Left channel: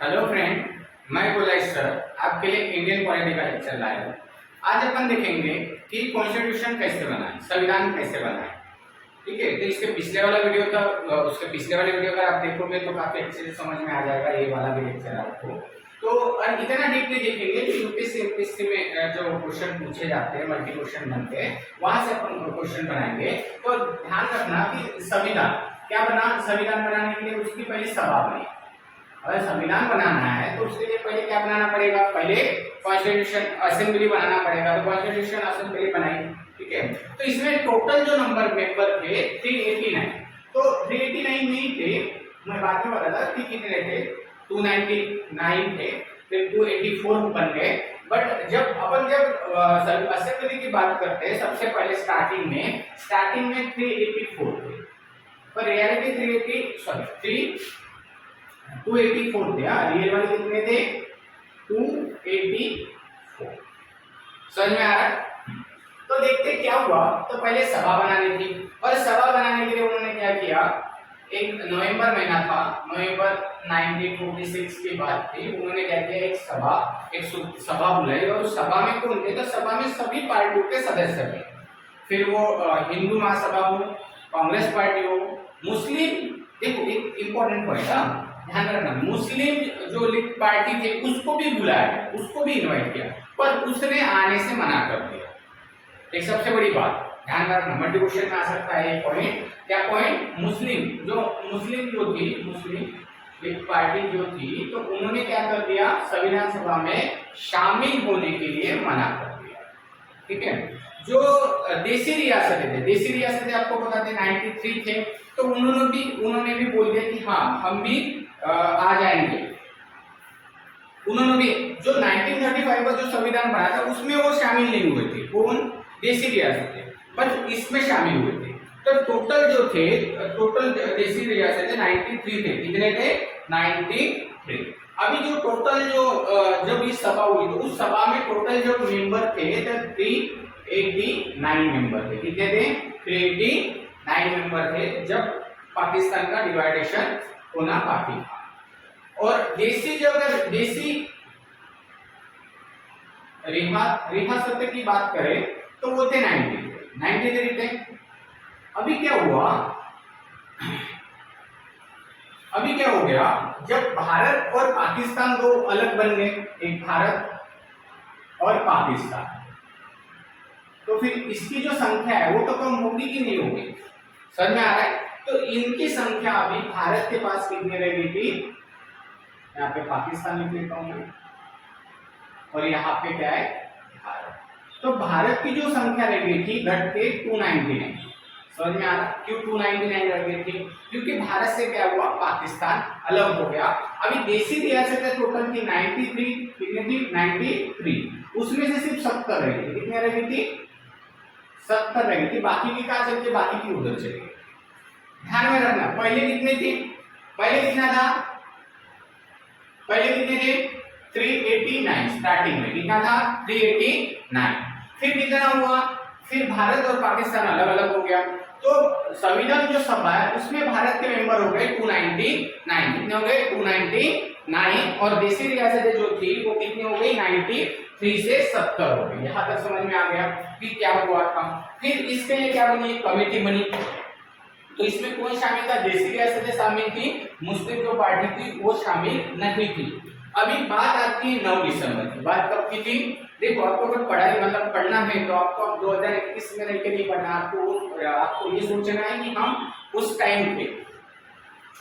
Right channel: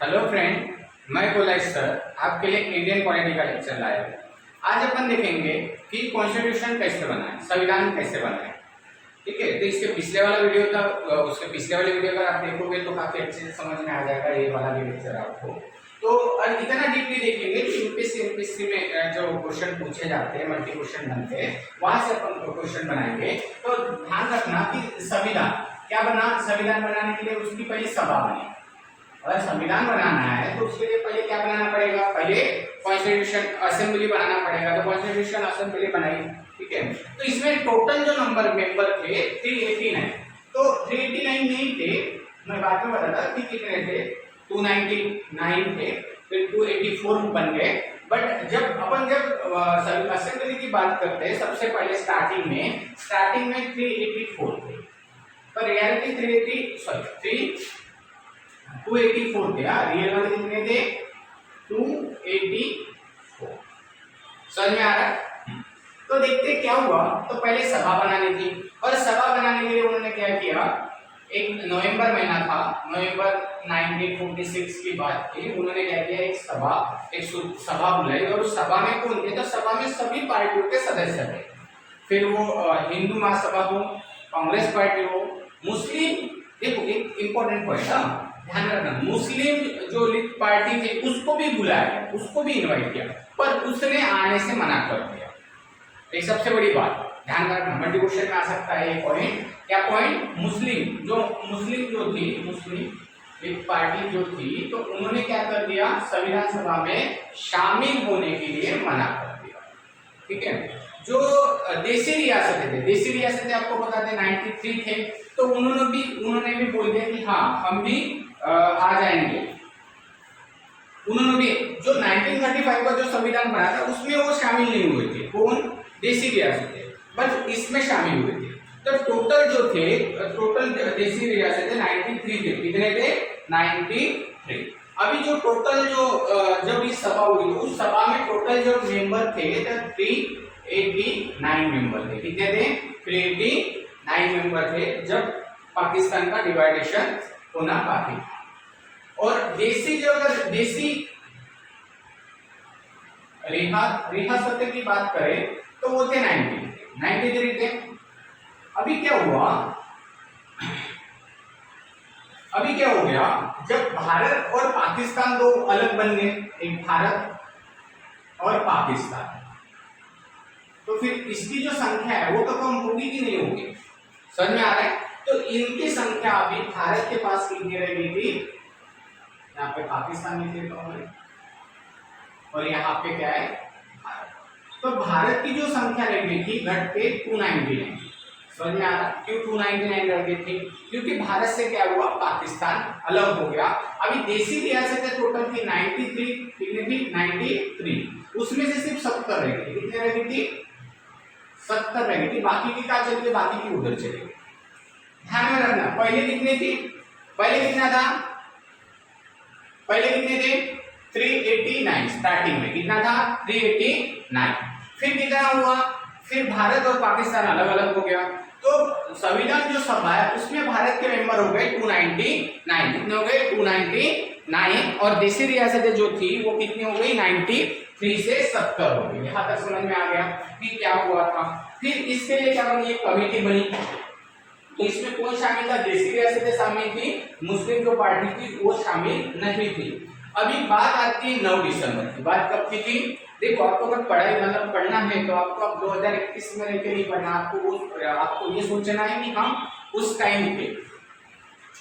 Hello friend, मैं कोलाइस sir आपके लिए इंडियन पॉलिटी का लेक्चर लाया हूँ। आज अपन देखेंगे कि कॉन्स्टिट्यूशन कैसे बनाए, संविधान कैसे बनाए। ठीक है, तो इसके पिछले वाला वीडियो था, उसके पिछले वाले वीडियो अगर आप देखोगे तो काफी अच्छे से समझ में आ जाएगा ये वाला भी लेक्चर आपको। तो इतना डीपली देखेंगे कि यूपीएससी एमपीएससी में जो क्वेश्चन पूछे जाते हैं, मल्टी क्वेश्चन बनते हैं, वहां से अपन क्वेश्चन बनाएंगे। तो ध्यान रखना कि संविधान क्या बना, संविधान बनाने के लिए उसकी पहली सभा बनी। अगर संविधान बनाना है तो उसके लिए पहले क्या बनाना पड़ेगा, पहले कॉन्स्टिट्यूशन असेंबली बनाना पड़ेगा। तो कॉन्स्टिट्यूशन असेंबली बनाई, ठीक है। तो इसमें टोटल जो नंबर मेंबर थे 389। तो 389 नहीं थे, मैं बाद में बताता कि कितने थे। 299 थे, फिर 284 बन गए। बट जब असेंबली की बात करते हैं, सबसे पहले स्टार्टिंग में 384 थे, पर रियलिटी 284 थे। रियल वाले कितने थे? 284। समझ में आ रहा है? तो देखते क्या हुआ। तो पहले सभा बनानी थी, और सभा बनाने के लिए उन्होंने क्या किया, एक नवंबर महीना था, नवंबर 1946 की बात थी। उन्होंने क्या किया, एक सभा बुलाई, और उस सभा में कौन थे? तो सभा में सभी पार्टियों के सदस्य थे। फिर वो हिंदू महासभा हो, कांग्रेस पार्टी हो, मुस्लिम, देखो एक इंपॉर्टेंट पॉइंट ध्यान रखना, मुस्लिम जो लीग पार्टी थी उसको भी बुलाया, उसको भी इनवाइट किया, पर उसने आने से मना कर दिया। एक सबसे बड़ी बात ध्यान रखना, मल्टी क्वेश्चन में आ सकता है ये पॉइंट। क्या पॉइंट? मुस्लिम जो थी, मुस्लिम लीग पार्टी जो थी, तो उन्होंने क्या कर दिया, संविधान सभा में शामिल होने के लिए मना कर दिया। ठीक है। जो देसी रियासतें आपको बता दें 93 थे, तो उन्होंने भी बोल दिया कि हाँ हम भी आ जाएंगे। उन्होंने भी जो 1935 का जो संविधान बना था उसमें वो शामिल नहीं हुए थे। कौन? देसी रियासतें, बट इसमें शामिल हुए थे। तो टोटल देसी रियासतें 93 थे। कितने थे? 93। अभी जो टोटल जब इस सभा हुई तो उस सभा में टोटल जो मेंबर थे तो 389 मेंबर थे। कितने थे? 389 मेंबर थे जब पाकिस्तान का डिवाइडेशन होना बाकी था। और देसी रियासतें की बात करें तो वो थे 93 थे। अभी क्या हो गया, जब भारत और पाकिस्तान दो अलग बन गए, एक भारत और पाकिस्तान, तो फिर इसकी जो संख्या है वो तो कम होगी कि नहीं होगी? समझ में आ रहा है? तो इनकी संख्या अभी भारत के पास कितनी रह गई थी, यहाँ पे पाकिस्तान लिख लेता हूं मैं, और यहाँ पे क्या है, भारत। तो भारत की जो संख्या रह गई थी घट के 299। समझ में आ रहा? क्यों 299 रह गई थी? क्योंकि भारत से क्या हुआ, पाकिस्तान अलग हो गया। अभी देसी रियासतें टोटल थी 93, कितनी थी? 93। उसमें से सिर्फ 70 रह गई। कितने रह गई थी? 70 रह गई थी। बाकी की कहाँ चली गई? बाकी की उधर चली गई। ध्यान में रखना, पहले कितने थे? पहले कितना था? पहले कितने थे? 389। स्टार्टिंग में कितना था? 389। फिर कितना हुआ? फिर भारत और पाकिस्तान अलग अलग हो गया। तो संविधान जो सभा है उसमें भारत के मेंबर हो गए 299। कितने हो गए? 299। और देसी रियासतें जो थी वो कितनी हो गई? 93 से 70 हो गई। यहां तक समझ में आ गया कि क्या हुआ था। फिर इसके लिए क्या बनी? एक कमेटी बनी। तो इसमें कौन शामिल था? देसी रियासतें शामिल थी, मुस्लिम जो पार्टी थी वो शामिल नहीं थी। अभी बात आती है 9 दिसंबर की। बात कब की थी? देखो, आपको अगर पढ़ना है तो आपको अब 2021 में रह के नहीं पढ़ना, आपको ये सोचना है कि हम उस टाइम थे।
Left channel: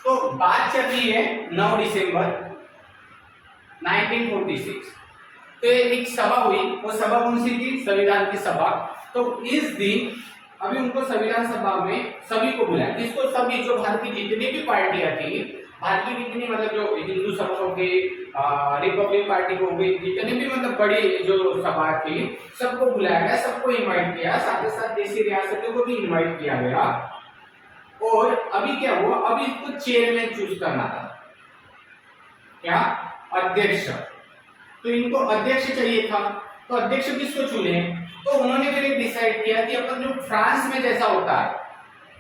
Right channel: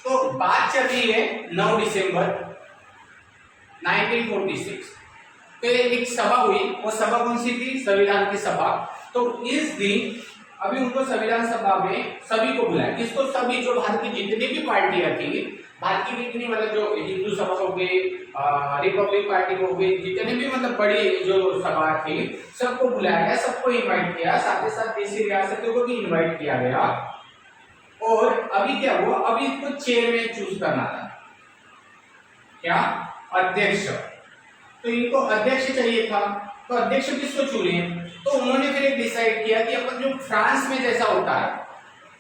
तो बात चल रही है 9 दिसंबर 1946। तो एक सभा हुई, वो सभा कौन सी थी? संविधान की सभा। तो इस दिन अभी उनको संविधान सभा में सभी को बुलाया। किसको? सभी, जो भारत की जितनी भी पार्टियां थी, भारत की जितनी, मतलब जो हिंदू सभा हो गई, रिपब्लिक पार्टी हो गई, जितने भी मतलब बड़ी जो सभा थी, सबको बुलाया गया, सबको इनवाइट किया। साथ ही साथ देसी रियासतों को भी इनवाइट किया गया। और अभी क्या हुआ, अभी इसको चेयरमैन चूज करना था। क्या? अध्यक्ष। तो इनको अध्यक्ष चाहिए था, तो अध्यक्ष किसको चुने? तो उन्होंने फिर एक डिसाइड किया कि अपन जो फ्रांस में जैसा होता है,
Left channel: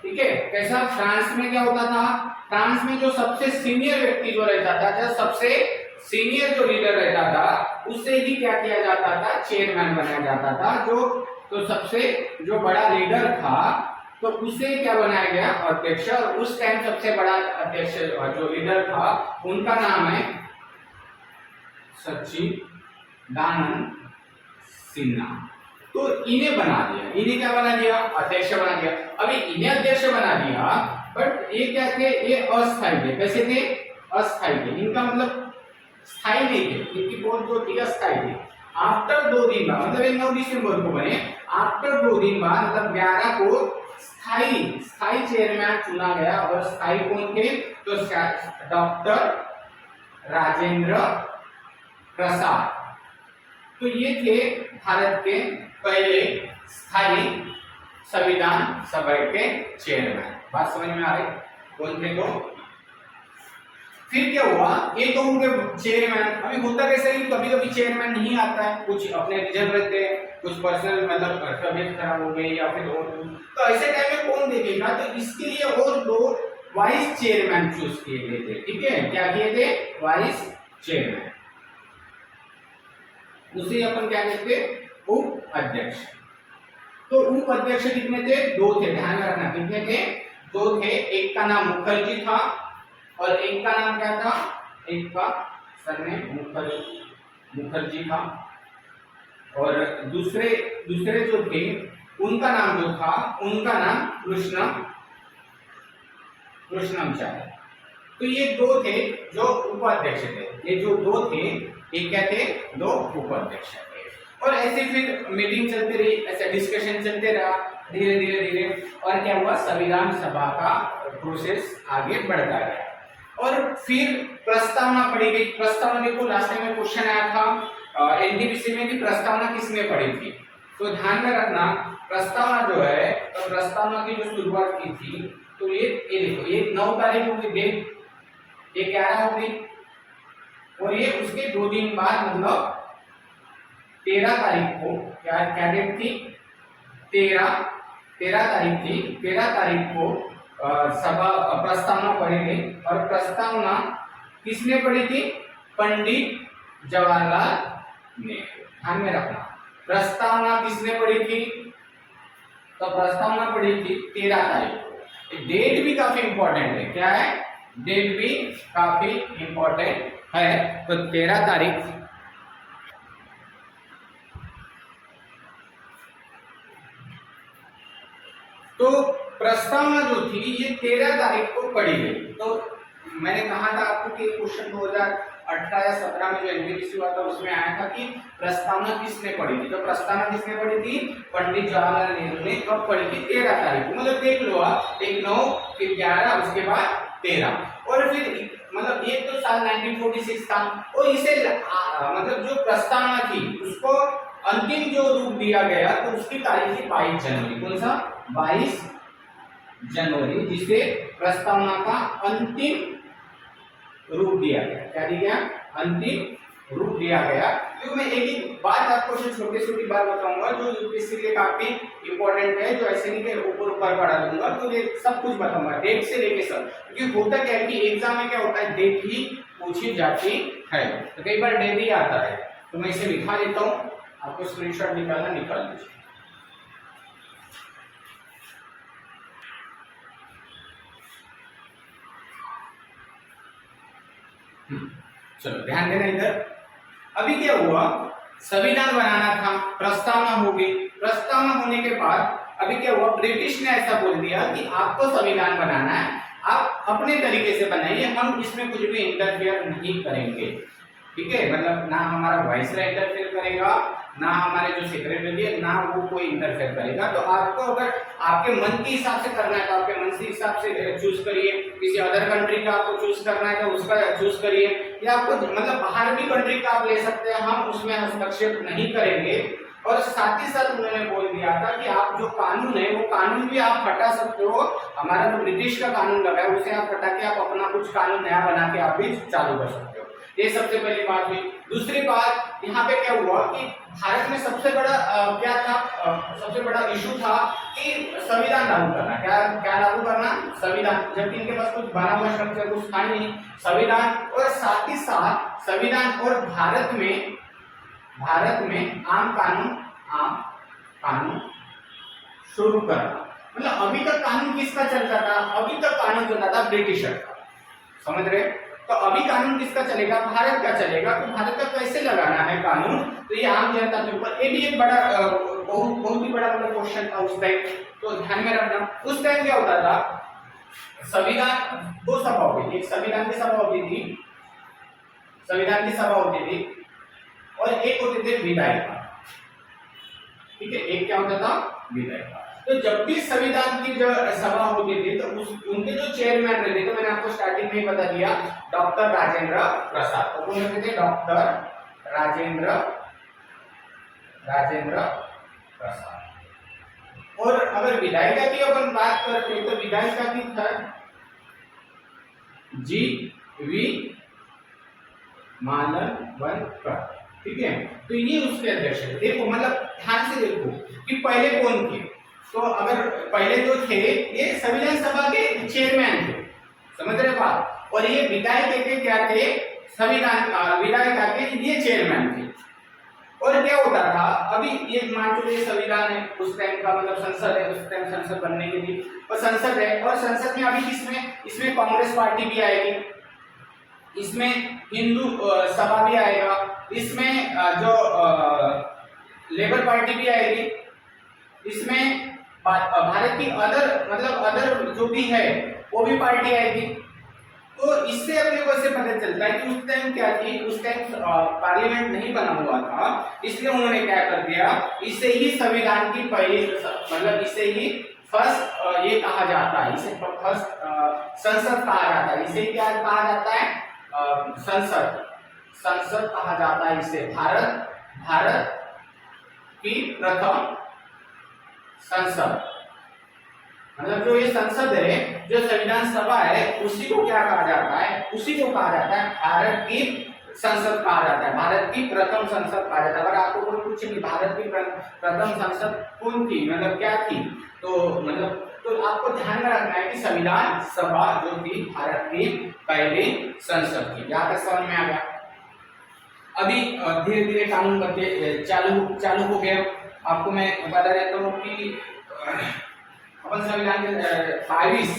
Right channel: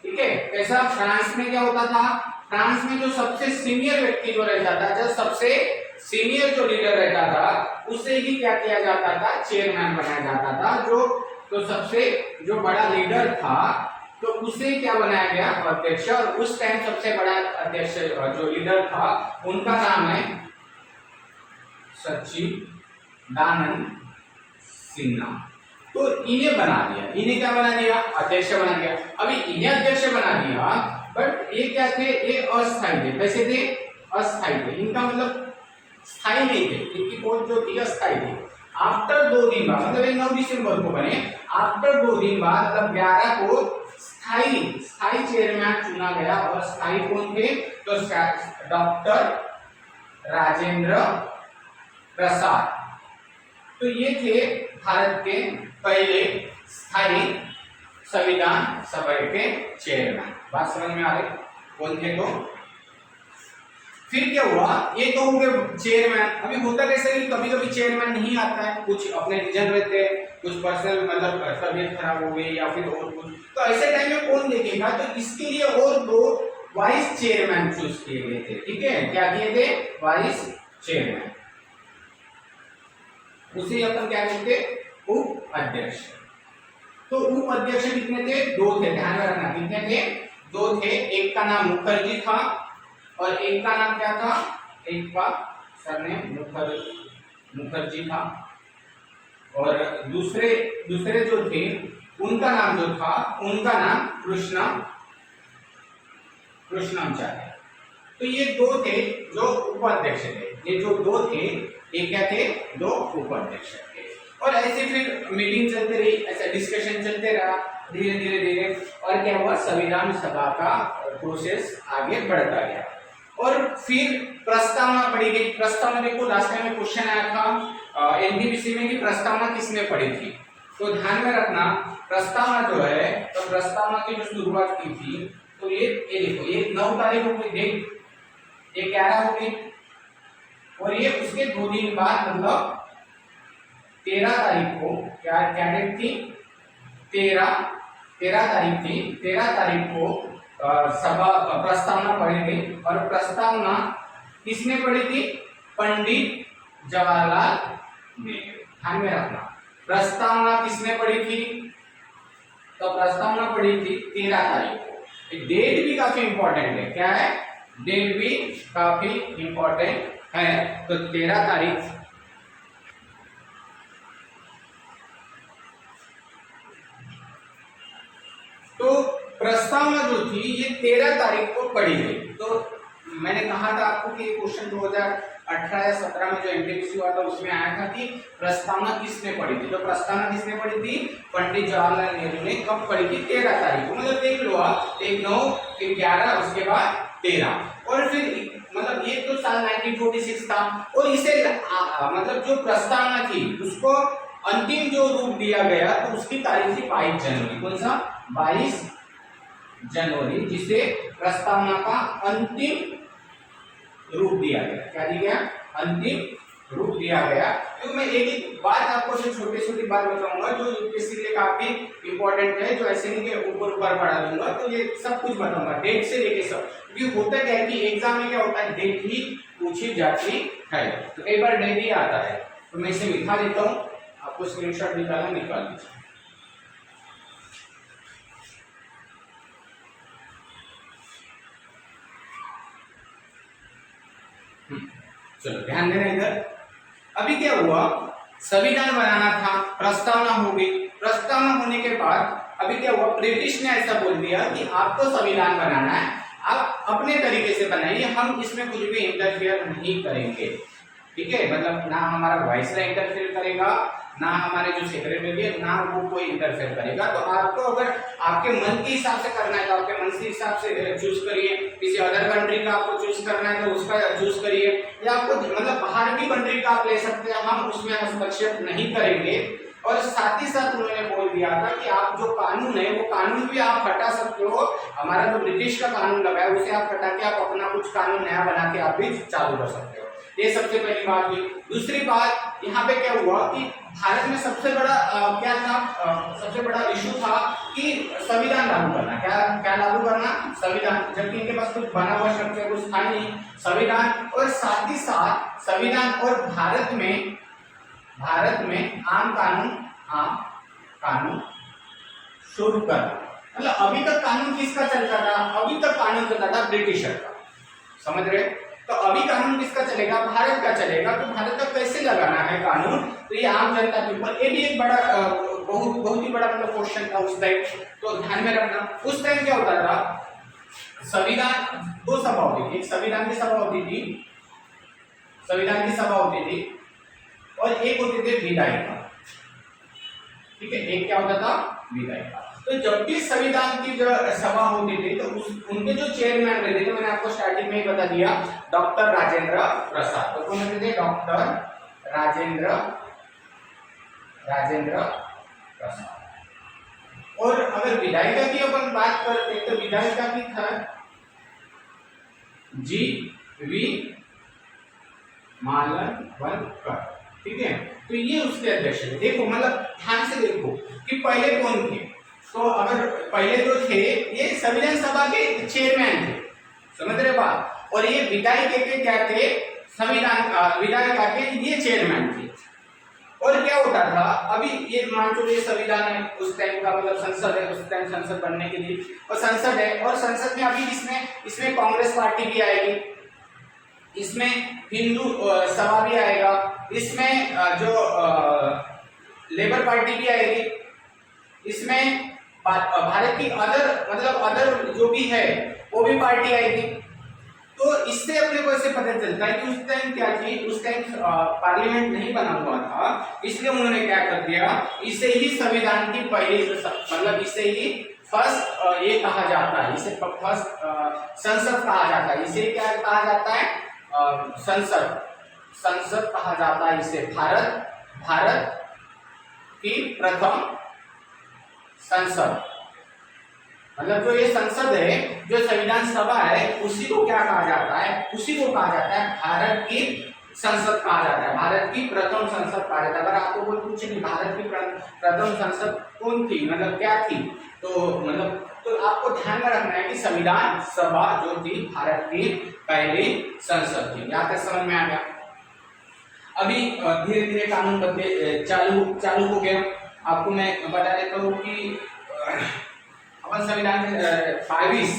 ठीक है, कैसा? फ्रांस में क्या होता था? फ्रांस में जो सबसे सीनियर व्यक्ति जो रहता था, जो सबसे सीनियर जो लीडर रहता था उससे ही क्या किया जाता था, चेयरमैन बनाया जाता था। जो तो सबसे जो बड़ा लीडर था तो उसे क्या बनाया गया, अध्यक्ष। और उस टाइम सबसे बड़ा अध्यक्ष जो लीडर था उनका नाम है सच्चिदानंद सिन्हा। तो इन्हें बना दिया, इन्हें क्या बना दिया, अध्यक्ष बना दिया। अभी इन्हें अध्यक्ष बना दिया, बट ये क्या थे, ये अस्थायी थे। कैसे थे, अस्थायी थे। इनका मतलब स्थायी नहीं थे, इनकी पोस्ट जो थी अस्थायी थी। आफ्टर 2 दिन बाद, मतलब 9 दिसंबर को बने, आफ्टर 2 दिन बाद मतलब 11 को स्थायी चेयरमैन चुना गया। और स्थायी कौन थे, तो डॉक्टर राजेंद्र प्रसाद। तो ये थे भारत के पहले स्थायी संविधान सभा के चेयरमैन। बात समझ में आ रही, कौन थे तो। फिर क्या हुआ, ये तो होंगे चेयरमैन। अभी होता कैसे कि कभी कभी चेयरमैन नहीं आता है, कुछ अपने रीजन रहते हैं, कुछ पर्सनल मतलब तबियत खराब हो गई या फिर और कुछ, तो ऐसे टाइम में कौन देखेगा, तो इसके लिए और 2 वाइस चेयरमैन चूज किए गए थे। ठीक है, क्या किए थे, वाइस चेयरमैन। उसे अपन क्या कहते, उप अध्यक्ष। तो उप अध्यक्ष कितने थे, 2 थे, ध्यान में रखना कितने थे, 2 थे। एक का नाम मुखर्जी था और एक का नाम क्या था, एक का सरनेम मुखर्जी था। और दूसरे जो थे उनका नाम जो था, उनका नाम कृष्णमचार्य। तो ये 2 थे जो उपाध्यक्ष थे। ये जो 2 थे ये क्या थे, 2 उपाध्यक्ष थे। और ऐसे फिर मीटिंग चलते रही, ऐसे डिस्कशन चलते रहा धीरे धीरे। और क्या हुआ, संविधान सभा का प्रोसेस आगे बढ़ता गया। और फिर प्रस्तावना पढ़ी गई। प्रस्तावना देखो, लास्ट टाइम में क्वेश्चन आया था एनटीपीसी में कि प्रस्तावना किसने पढ़ी थी, तो ध्यान में रखना प्रस्तावना जो है, तो प्रस्तावना की जो शुरुआत की थी, तो ये देखो, ये 9 तारीख को हुई डेट, ये 11 हो गई। और ये उसके 2 दिन बाद मतलब 13 तारीख को क्या डेट थी, 13 तारीख थी। 13 तारीख को सभा प्रस्तावना पढ़ी गई। और प्रस्तावना किसने पढ़ी थी, पंडित जवाहरलाल नेहरू। ध्यान में रखना, प्रस्तावना किसने पढ़ी थी, तो प्रस्तावना पढ़ी थी 13 तारीख को। डेट भी काफी इंपॉर्टेंट है, क्या है, डेट भी काफी इंपॉर्टेंट है। तो 13 तारीख तो प्रस्तावना जो थी ये 13 तारीख को पढ़ी गई। तो मैंने कहा था आपको कि क्वेश्चन 2018 या 17 में जो एनटीपीसी हुआ था उसमें आया था कि प्रस्तावना किसने पढ़ी थी। तो प्रस्तावना किसने पढ़ी थी, पंडित जवाहरलाल नेहरू ने कब पढ़ी थी, 13 तारीख को। मतलब देख लो आप, 1 9 फिर 11 उसके बाद 13। और फिर मतलब ये तो साल 1946 था। और इसे मतलब जो प्रस्तावना थी उसको अंतिम जो रूप दिया गया तो उसकी तारीख थी 22 जनवरी। कौन सा, 22 जनवरी, जिसे प्रस्तावना का अंतिम रूप दिया गया। क्या दिया गया, अंतिम रूप दिया गया। तो मैं एक बात आपको छोटी बात बताऊंगा जो यूपीएससी के लिए काफी इंपॉर्टेंट है, जो ऐसे नहीं के ऊपर पढ़ा दूंगा, तो ये सब कुछ बताऊंगा डेट से लेके सब। क्योंकि होता क्या है कि एग्जाम में क्या होता है, डेट ही पूछी जाती है। तो कई बार डेट ही आता है, तो मैं इसे लिखा देता हूँ, आपको स्क्रीनशॉट निकालना, निकाल दीजिए। चलो ध्यान देना इधर। अभी क्या हुआ, संविधान बनाना था, प्रस्तावना हो गई। प्रस्तावना होने के बाद अभी क्या हुआ, ब्रिटिश ने ऐसा बोल दिया कि आपको संविधान बनाना है, आप अपने तरीके से बनाइए, हम इसमें कुछ भी इंटरफेयर नहीं करेंगे। ठीक है, मतलब ना हमारा वाइसराय इंटरफेयर करेगा, ना हमारे जो सेक्रेटरी है, ना वो कोई इंटरफेयर करेगा। तो आपको अगर आपके मन के हिसाब से करना है तो आपके मन के हिसाब से चूज करिए। किसी अदर कंट्री का आपको चूज करना है तो उसका चूज करिए, या आपको मतलब बाहर भी कंट्री का आप ले सकते हैं, हम उसमें हस्तक्षेप नहीं करेंगे। और साथ ही साथ उन्होंने बोल दिया था कि आप जो कानून है वो कानून भी आप हटा सकते हो। हमारा जो ब्रिटिश का कानून लगा है उसे आप हटा के आप अपना कुछ कानून नया बना के आप भी चालू कर सकते हो। ये सबसे पहली बात हुई। दूसरी बात, यहाँ पे क्या हुआ कि भारत में सबसे बड़ा क्या था, सबसे बड़ा इशू था कि संविधान लागू करना। क्या क्या लागू करना? संविधान, जबकि इनके पास कुछ बना हुआ स्ट्रक्चर कुछ था ही नहीं। संविधान, और साथ ही साथ संविधान और भारत में आम कानून शुरू करना। मतलब अभी तक कानून किसका चलता था? अभी तक कानून चलता था ब्रिटिशर का, समझ रहे? तो अभी कानून किसका चलेगा? भारत का चलेगा। तो भारत का कैसे लगाना है कानून? तो ये आम जनता के ऊपर, ये भी एक बड़ा बहुत ही बड़ा मतलब क्वेश्चन था उस टाइम, तो ध्यान में रखना। उस टाइम क्या होता था, संविधान, दो सभा होती थी, एक संविधान की सभा होती थी, और एक होते थे विधायिका। ठीक है, एक क्या होता था? विधायिका। तो जब भी संविधान की जो सभा होती थी तो उनके जो चेयरमैन रहते थे, मैंने आपको स्टार्टिंग में ही बता दिया, डॉक्टर राजेंद्र प्रसाद। तो कौन रहते थे? डॉक्टर राजेंद्र प्रसाद। और अगर विधायिका की अपन बात करते तो विधायिका की था जी.वी. मालवणकर। ठीक है, तो ये उसके अध्यक्ष थे। देखो मतलब ध्यान से देखो कि पहले कौन थे। तो अगर पहले जो थे ये संविधान सभा के चेयरमैन थे, समझ रहे बात? और ये विधायिका के क्या थे? विधायिका के ये चेयरमैन थे। और क्या होता था, अभी ये मान चलिए संविधान है उस टाइम का, मतलब संसद है, उस टाइम संसद बनने की थी, और संसद है, और संसद में अभी इसमें कांग्रेस पार्टी भी आएगी, इसमें हिंदू सभा भी आएगा, इसमें जो लेबर पार्टी भी आएगी, इसमें भारत की अदर जो भी है वो भी पार्टी आएगी। तो इससे अपने को ऐसे पता चलता है कि उस टाइम क्या थी, उस टाइम पार्लियामेंट नहीं बना हुआ था, इसलिए उन्होंने क्या कर दिया, इसे ही संविधान की पहली, मतलब इसे ही फर्स्ट ये कहा जाता है, इसे फर्स्ट संसद कहा जाता है। इसे क्या कहा जाता है? संसद कहा जाता है इसे। भारत की प्रथम संसद, मतलब जो ये संसद है, जो संविधान सभा है, उसी को क्या कहा जाता है? उसी को कहा जाता है भारत की संसद कहा जाता है, भारत की प्रथम संसद कहा जाता है। अगर आपको कोई पूछे कि भारत की प्रथम संसद कौन थी, मतलब क्या थी, तो आपको ध्यान में रखना है कि संविधान सभा जो थी भारत की पहली संसद थी। यहाँ तक समझ में आ गया? अभी धीरे धीरे कानून बनते चालू हो गया। आपको मैं बता देता हूँ कि अपन संविधान के 22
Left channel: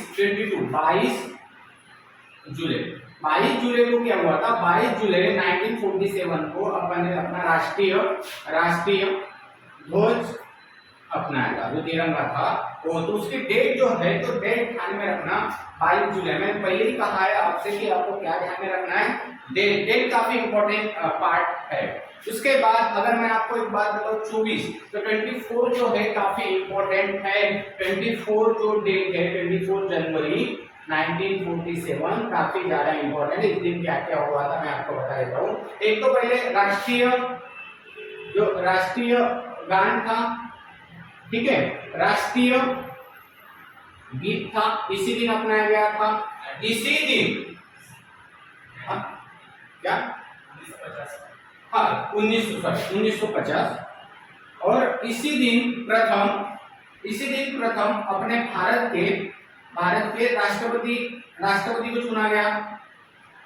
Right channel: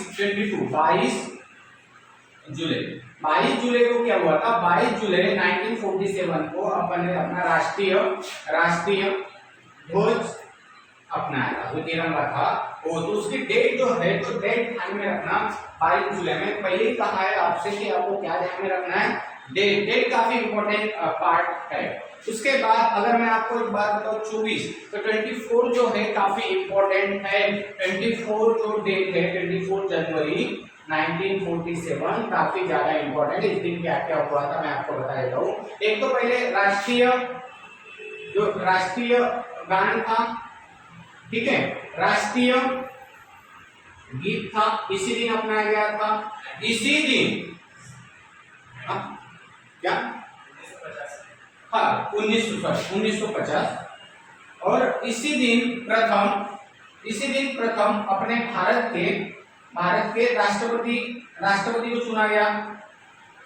जुलाई को क्या हुआ था? 22 जुलाई 1947 को अपन ने अपना राष्ट्रीय ध्वज अपनाया था, जो तिरंगा था वो। तो उसकी डेट जो है, तो डेट ध्यान में रखना 22 जुलाई। मैंने पहले ही कहा है आपसे कि आपको क्या ध्यान में रखना है? डेट काफी इंपॉर्टेंट पार्ट है। उसके बाद अगर मैं आपको एक बात बताऊं 24, तो 24 जो है काफी इंपॉर्टेंट है। 24 जो डेट है, 24 जनवरी 1947 काफी ज्यादा इंपॉर्टेंट है। इस दिन क्या क्या हुआ था मैं आपको बता देता हूँ। एक तो पहले राष्ट्रीय गान था, ठीक है, राष्ट्रीय गीत था, इसी दिन अपनाया गया था। इसी दिन क्या? 1950। और इसी दिन प्रथम अपने भारत के राष्ट्रपति को चुना गया।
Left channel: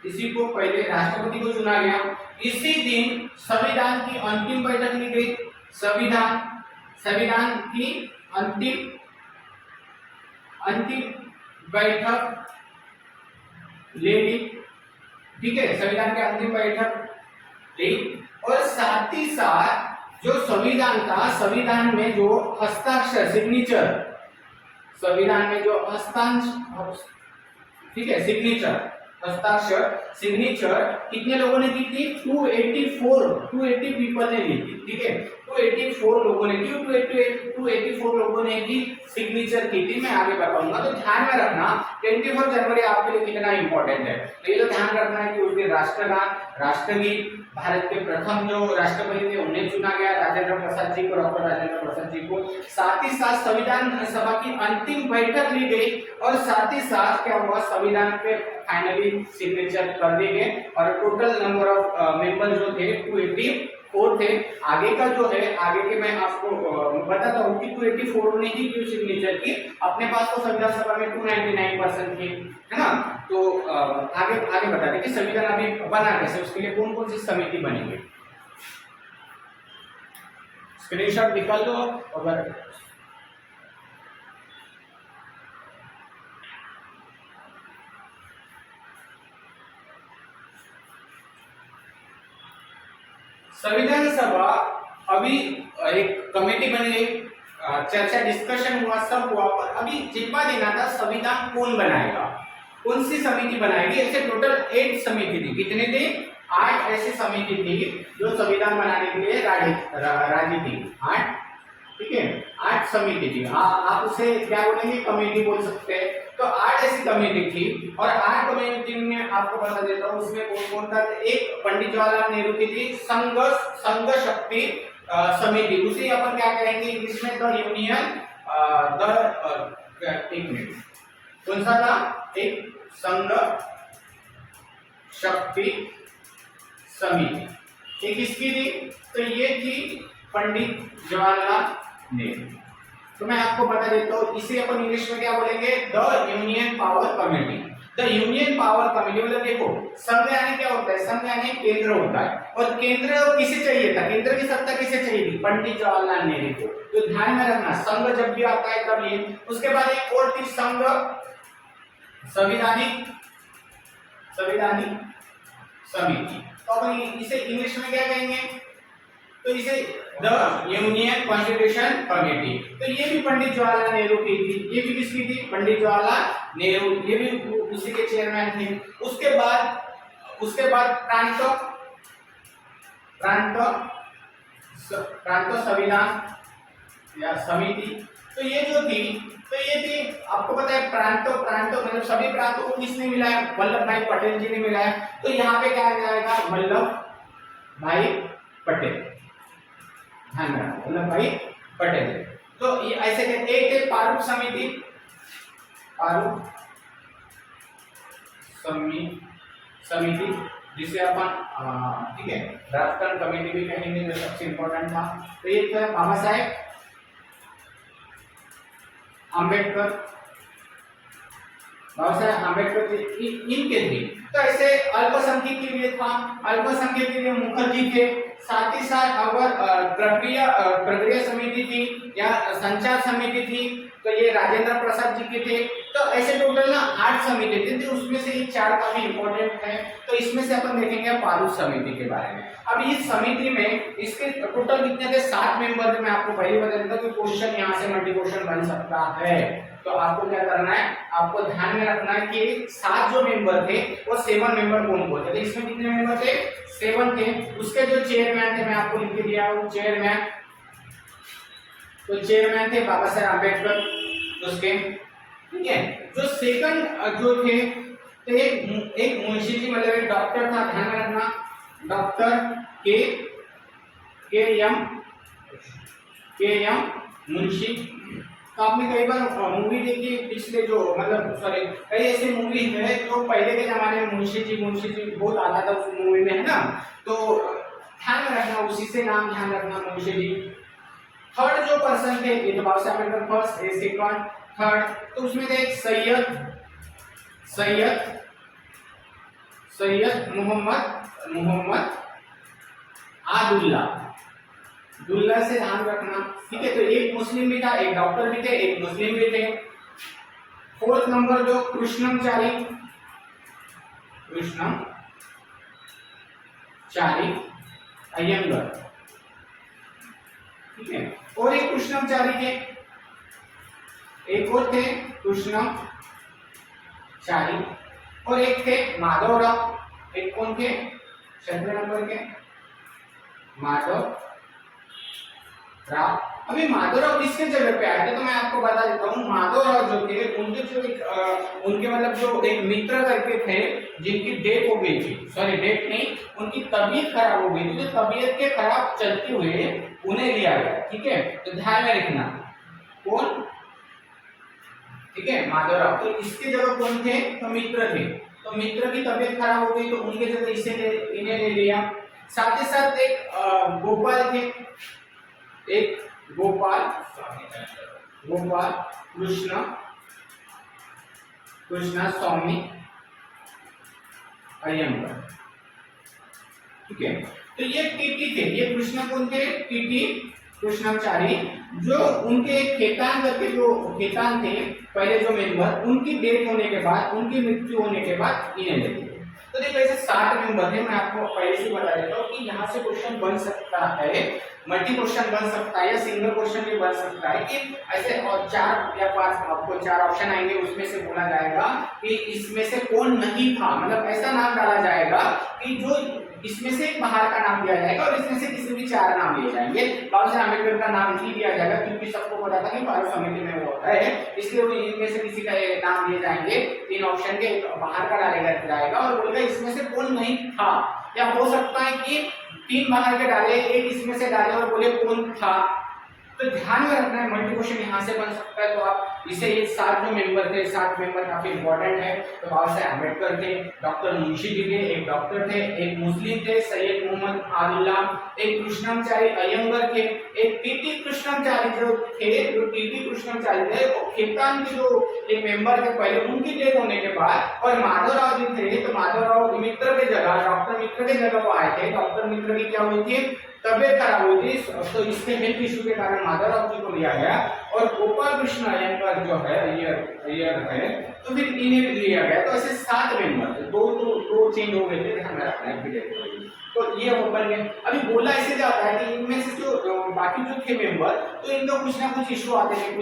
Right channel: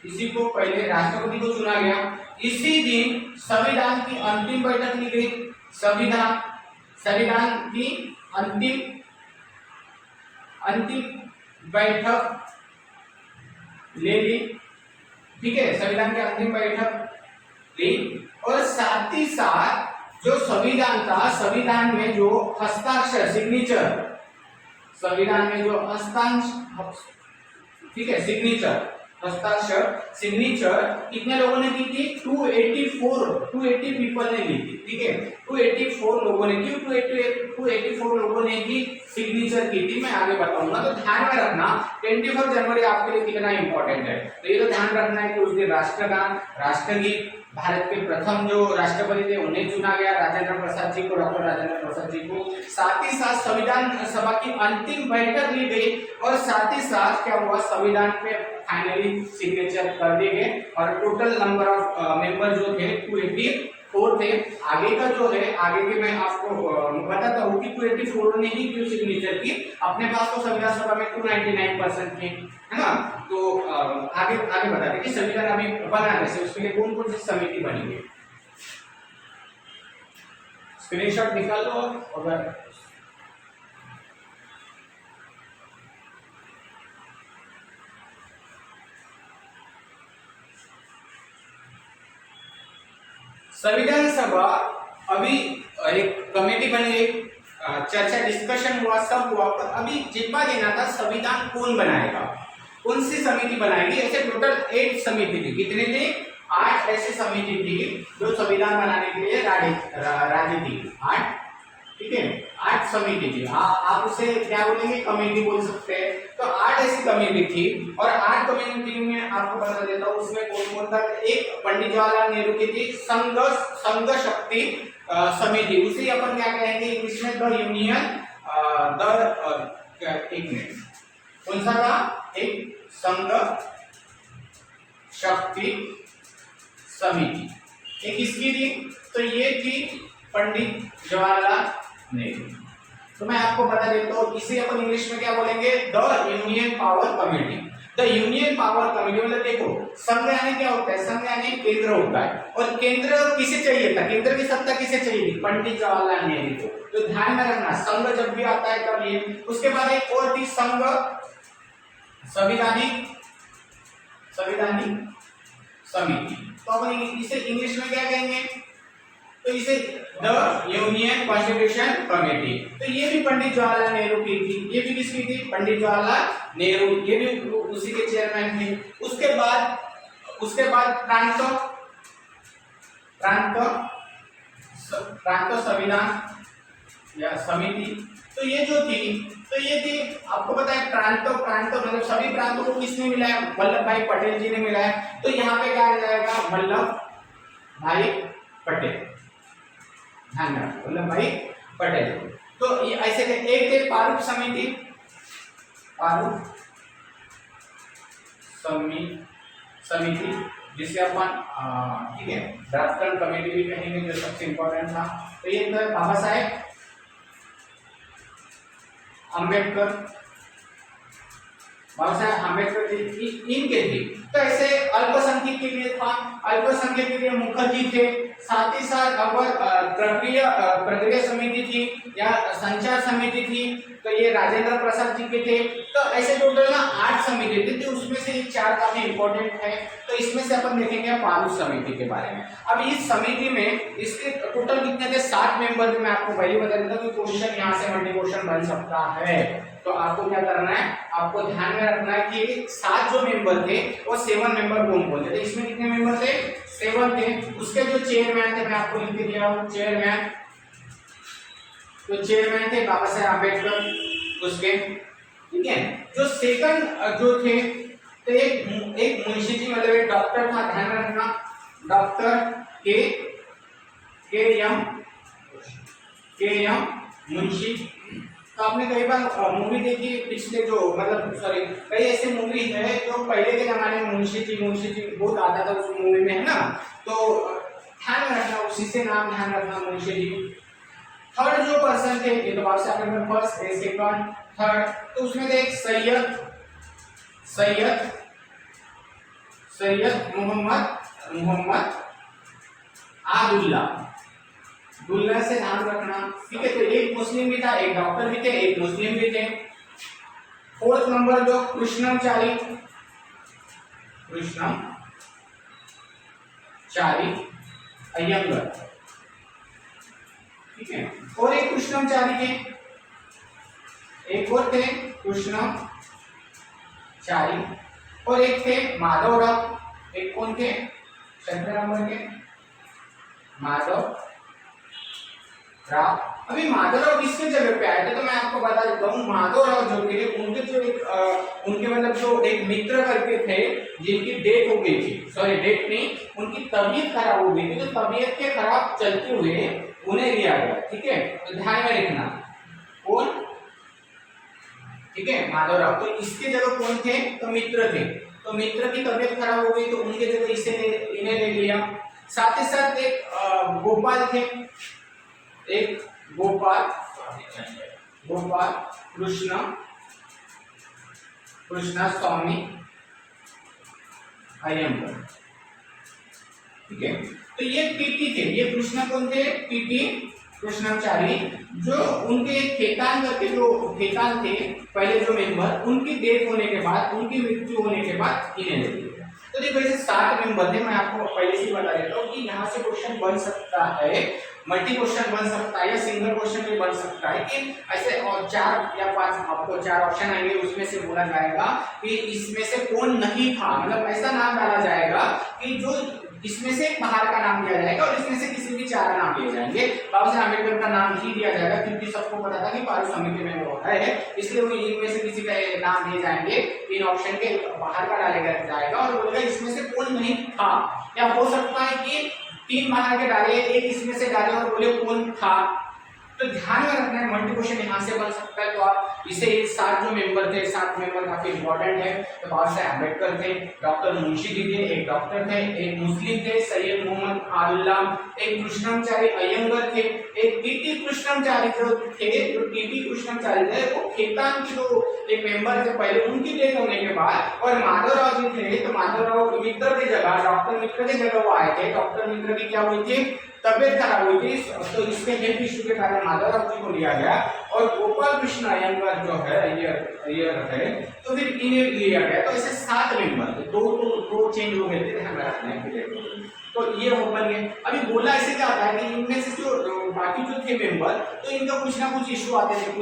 इसी को पहले राष्ट्रपति को चुना गया। इसी दिन संविधान की अंतिम बैठक ली गई। संविधान की अंतिम बैठक ले ली, ठीक है, संविधान की अंतिम बैठक ली। और साथ ही साथ जो संविधान था, संविधान में जो हस्ताक्षर सिग्नेचर, संविधान में जो ठीक है, सिग्नेचर कितने लोगों ने की थी? 280 पीपल ने ली थी, ठीक है, 284 लोगों ने की। 284 लोगों ने की सिग्नेचर की थी। मैं आगे बताऊंगा, तो ध्यान में रखना 24 जनवरी आपके लिए कितना इंपॉर्टेंट है। तो ये तो ध्यान रखना है कि उस दिन राष्ट्रगान, राष्ट्रगीत, भारत के प्रथम जो राष्ट्रपति थे उन्हें चुना गया, राजेंद्र प्रसाद जी को, डॉक्टर राजेंद्र प्रसाद जी को। साथ ही साथ संविधान सभा की अंतिम बैठक ली गई, और साथ ही साथ क्या हुआ, संविधान पे फाइनली सिग्नेचर कर दिए गए। और टोटल नंबर ऑफ मेंबर जो थे 4 थे। आगे का जो है, आगे के मैं आपको बताता हूँ कि 284 ने ही क्यों सिग्नेचर की। अपने पास तो संविधान सभा में 299% थे, है ना। तो आगे आगे बता दें कि संविधान अभी बना कैसे, उसके लिए कौन कौन सी समिति बनी है। स्क्रीनशॉट निकाल लो अगर संविधान सभा अभी एक कमेटी बनी है, चर्चा डिस्कशन हुआ, सब हुआ, पर अभी जिम्मा देना था संविधान कौन बनाएगा, कौन सी समिति बनाएगी। ऐसे टोटल 8 समिति थी। कितने थे? 8 ऐसी समिति थी जो संविधान बनाने के लिए राजी थी। 8, ठीक है, 8 समिति थी। आप उसे क्या बोलेंगे, कमेटी बोल सकते हैं। तो 8 ऐसी कमेटी थी और 8 कमेटी में आपको बता देता हूँ उसमें कौन कौन था। एक पंडित जवाहरलाल नेहरू की थी संघ शक्ति समिति, उसे अपन क्या कहेंगे इंग्लिश में, द यूनियन एक मिनट, कौन सा था? एक संघ शक्ति समिति। एक इसकी थी, तो ये थी पंडित जवाहरलाल नेहरू। तो मैं आपको बता देता हूँ, इसे अपन इंग्लिश में क्या बोलेंगे, the union power committee. The union power committee मतलब देखो, संघ यानी क्या होता है, संघ यानी केंद्र होता है, और केंद्र किसे चाहिए था, केंद्र की सत्ता किसे चाहिए थी, पंडित जवाहरलाल नेहरू को। तो ध्यान में रखना, संघ जब भी आता है तब ये। उसके बाद एक और थी संघ संविधानिक समिति। तो अपन इसे इंग्लिश में क्या कहेंगे, तो इसे द यूनियन कॉन्स्टिट्यूशन कमेटी। तो ये भी पंडित जवाहरलाल नेहरू की थी, ये भी किसकी थी, पंडित जवाहरलाल नेहरू, ये भी उसी के चेयरमैन थे। उसके बाद प्रांत संविधान या समिति। तो ये जो थी, तो ये थी, आपको पता है प्रांत मतलब सभी प्रांतों को किसने मिलाया, वल्लभ भाई पटेल जी ने मिलाया। तो यहाँ पे क्या आ जाएगा, वल्लभ भाई पटेल, ध्यान रखना, वल्लभ भाई पटेल। तो ये ऐसे एक प्रारूप समिति जिसे अपन ठीक है ड्राफ्टन कमेटी भी कहेंगे, जो सबसे इंपॉर्टेंट था। तो ये तो बाबा साहेब अम्बेडकर इनके थे। तो ऐसे अल्पसंख्यक के लिए था, अल्पसंख्यक के लिए मुखर्जी थे। साथ ही साथ अगर प्रक्रिया समिति थी या संचार समिति थी, तो ये राजेंद्र प्रसाद जी के थे। तो ऐसे टोटल ना 8 समिति थे, तो उसमें से ये 4 काफी इंपॉर्टेंट है। तो इसमें से अपन देखेंगे प्रारूप समिति के बारे में। अब इस समिति में इसके टोटल कितने थे, 7 मेंबर थे। मैं आपको पहले बता देता हूँ कि क्वेश्चन यहाँ से मल्टी क्वेश्चन बन सकता है। तो आपको क्या करना है, आपको ध्यान में रखना है कि 7 जो मेंबर थे वो 7 मेंबर कौन कौन थे। इसमें कितने मेंबर थे, 7 थे। उसके जो चेयरमैन थे मैं आपको लिख के दिया हूँ, चेयरमैन। तो चेयरमैन थे बाबा साहेब अम्बेडकर उसके, ठीक है। जो सेकंड जो थे, तो एक मुंशी जी मतलब एक डॉक्टर था, ध्यान में रखना, डॉक्टर के एम मुंशी। तो आपने कई बार मूवी देखी पिछले जो मतलब सॉरी कई ऐसे मूवी है जो पहले के जमाने में मुंशी जी बहुत आता था उस मूवी में, है ना। तो ध्यान में रखना, उसी से नाम ध्यान रखना, मुंशी जी। थर्ड जो पर्सन थे, ये तो बाबा Saheb Ambedkar first, second, third. तो उसमें थे एक सैयद मोहम्मद दुल्ला से ध्यान रखना, ठीक है। तो एक मुस्लिम भी था, एक डॉक्टर भी थे, एक मुस्लिम भी थे। फोर्थ नंबर जो कृष्णमचारी अयंगर, ठीक है। और एक कृष्णमचारी थे, एक और थे कृष्णमचारी, और एक थे माधवराव। एक कौन थे, 7वें नंबर के माधवराव। अभी माधवराव किसके जगह पे आए थे, तो मैं आपको बता देता हूँ। माधवराव जो थे उनके जो उनके मतलब जो एक मित्र करके थे जिनकी डेथ हो गई थी, सॉरी डेथ नहीं, उनकी तबीयत खराब हो गई थी। तो तबीयत के खराब चलते हुए उन्हें लिया गया, ठीक है। तो ध्यान में रखना कौन, ठीक है, माधवराव। तो इसके जगह कौन थे, तो मित्र थे। तो मित्र की तबीयत खराब हो गई तो उनके जगह इन्हें ले लिया। साथ ही साथ एक गोपाल थे, एक गोपाल कृष्ण स्वामी अयंगर, ठीक है। तो ये टीटी थे, ये कृष्ण कौन थे? टीटी कृष्णाचारी, जो उनके खेतान करके जो खेतान थे पहले जो मेंबर, उनकी डेथ होने के बाद, उनकी मृत्यु होने के बाद इन्हें ले लिया। तो देखो ऐसे 7 मेंबर थे, मैं आपको पहले से बता देता हूँ कि यहाँ से क्वेश्चन बन सकता है, मल्टी क्वेश्चन बन सकता है या सिंगल क्वेश्चन भी बन सकता है कि ऐसे और 4 या 5 आपको 4 ऑप्शन आएंगे, उसमें से बोला जाएगा कि इसमें से कौन नहीं था, मतलब ऐसा नाम डाला जाएगा कि जो इसमें से एक बाहर का नाम दिया जाएगा और इसमें से किसी भी 4 नाम लिए जाएंगे। बाबा साहेब अम्बेडकर का नाम ही दिया जाएगा क्योंकि सबको पता था कि पारित समिति में वो होता है, इसलिए वो इनमें से किसी का नाम दिए जाएंगे, 3 ऑप्शन के बाहर का डाला जाएगा और बोलेगा इसमें से कौन नहीं था, या हो सकता है कि 3 बाहर के डाले, एक इसमें से डाले और बोले कौन था। तो ध्यान में रखना है, मल्टी क्वेश्चन यहाँ से बन सकता है। तो आप इसे ये 7 जो मेंबर थे, 7 मेंबर काफी इंपॉर्टेंट है। तो बाबा साहेब अम्बेडकर थे, डॉक्टर मुंशी जी थे, एक डॉक्टर थे, एक मुस्लिम थे सैयद मोहम्मद आलुल्ला, एक कृष्णमचारी अयंगर थे, एक टीटी कृष्णमचारी जो थे, जो टीटी कृष्णमचारी थे वो खेतान के जो एक मेंबर थे पहले, उनकी डेथ होने के बाद, और माधवराव जी थे, तो माधवराव मित्र की जगह, डॉक्टर मित्र की जगह वो आए थे। डॉक्टर मित्र की क्या हुई थी? तबियत खराब हुई थी, तो इसके हेल्थ इश्यू के कारण माधवराव जी को लिया गया और गोपाल कृष्ण अयंगर जो है अय्यर है, तो फिर इन्हें लिया गया। तो ऐसे 7 मेंबर थे, दो चेंज हो गए थे, ध्यान रखना है। तो ये ओपन है। अभी बोला ऐसे जाता है कि इनमें से जो बाकी जो थे मेंबर, तो इनका कुछ ना कुछ इशू आते थे,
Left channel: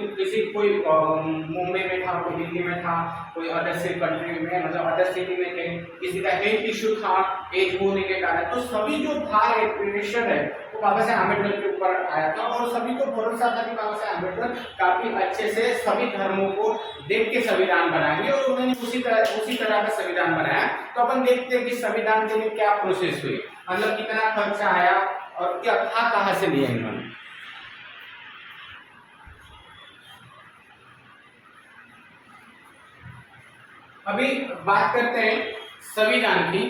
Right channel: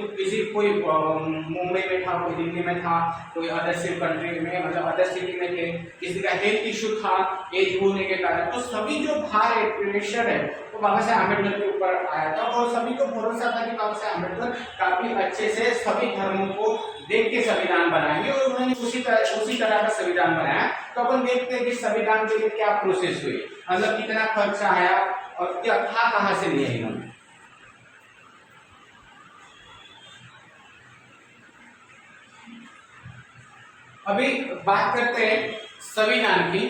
कोई मुंबई में था, कोई दिल्ली में था, कोई अदर कंट्री में, मतलब अदर सिटी में थे, किसी का हेल्थ इशू था एज होने के कारण। तो सभी जो भार है, प्रेशर है, वो बाबा साहेब अम्बेडकर के ऊपर आया था और सभी को भरोसा था कि बाबा साहेब अम्बेडकर काफी अच्छे से सभी धर्मों को देख के संविधान बनाएंगे, और उन्होंने उसी तरह का संविधान बनाया। तो अपन देखते हैं कि संविधान के लिए क्या प्रोसेस हुई, मतलब कितना खर्चा आया और क्या था, कहां से लिया इन्होंने। अभी बात करते हैं संविधान की।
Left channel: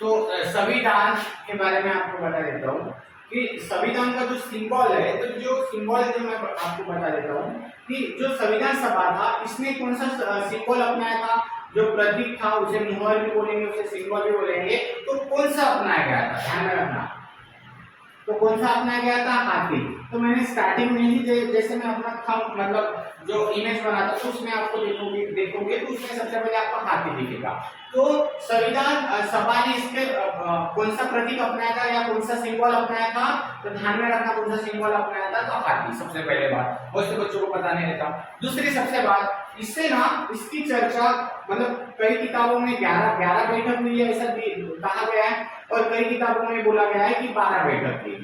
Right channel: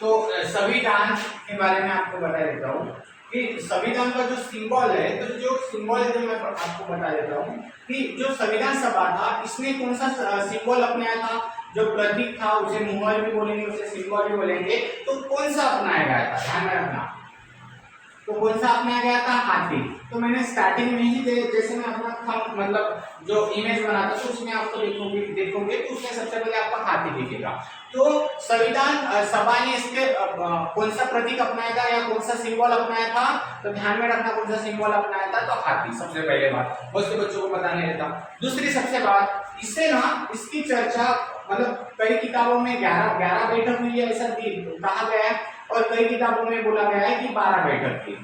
तो संविधान के बारे में आपको बता देता हूँ कि संविधान का जो सिंबल है, तो जो सिंबल है जो मैं आपको बता देता हूँ कि जो संविधान सभा था, इसने कौन सा सिंबल अपनाया था, जो प्रतीक था उसे मोहर भी बोलेंगे, उसे सिंबल भी बोलेंगे। तो कौन सा अपनाया गया था, ध्यान में रखना। तो कौन सा अपनाया गया था? हाथी। तो मैंने स्टार्टिंग में ही जैसे मैं अपना थंब मतलब जो इमेज बनाता तो उसमें आपको देखोगे तो उसमें सबसे पहले आपको हाथी दिखेगा। तो संविधान सभा ने इसके कौन सा प्रतीक अपनाया था या कौन सा सिंबल अपनाया था, तो ध्यान में रखना कौन सा सिंबल अपनाया था, तो हाथी सबसे पहले बात, बहुत से बच्चों को पता नहीं रहता। दूसरी सबसे बात, इससे ना इसकी चर्चा मतलब कई किताबों में 11 बैठक हुई है ऐसा कहा गया है, और कई किताबों में बोला गया है कि 12 बैठक थी।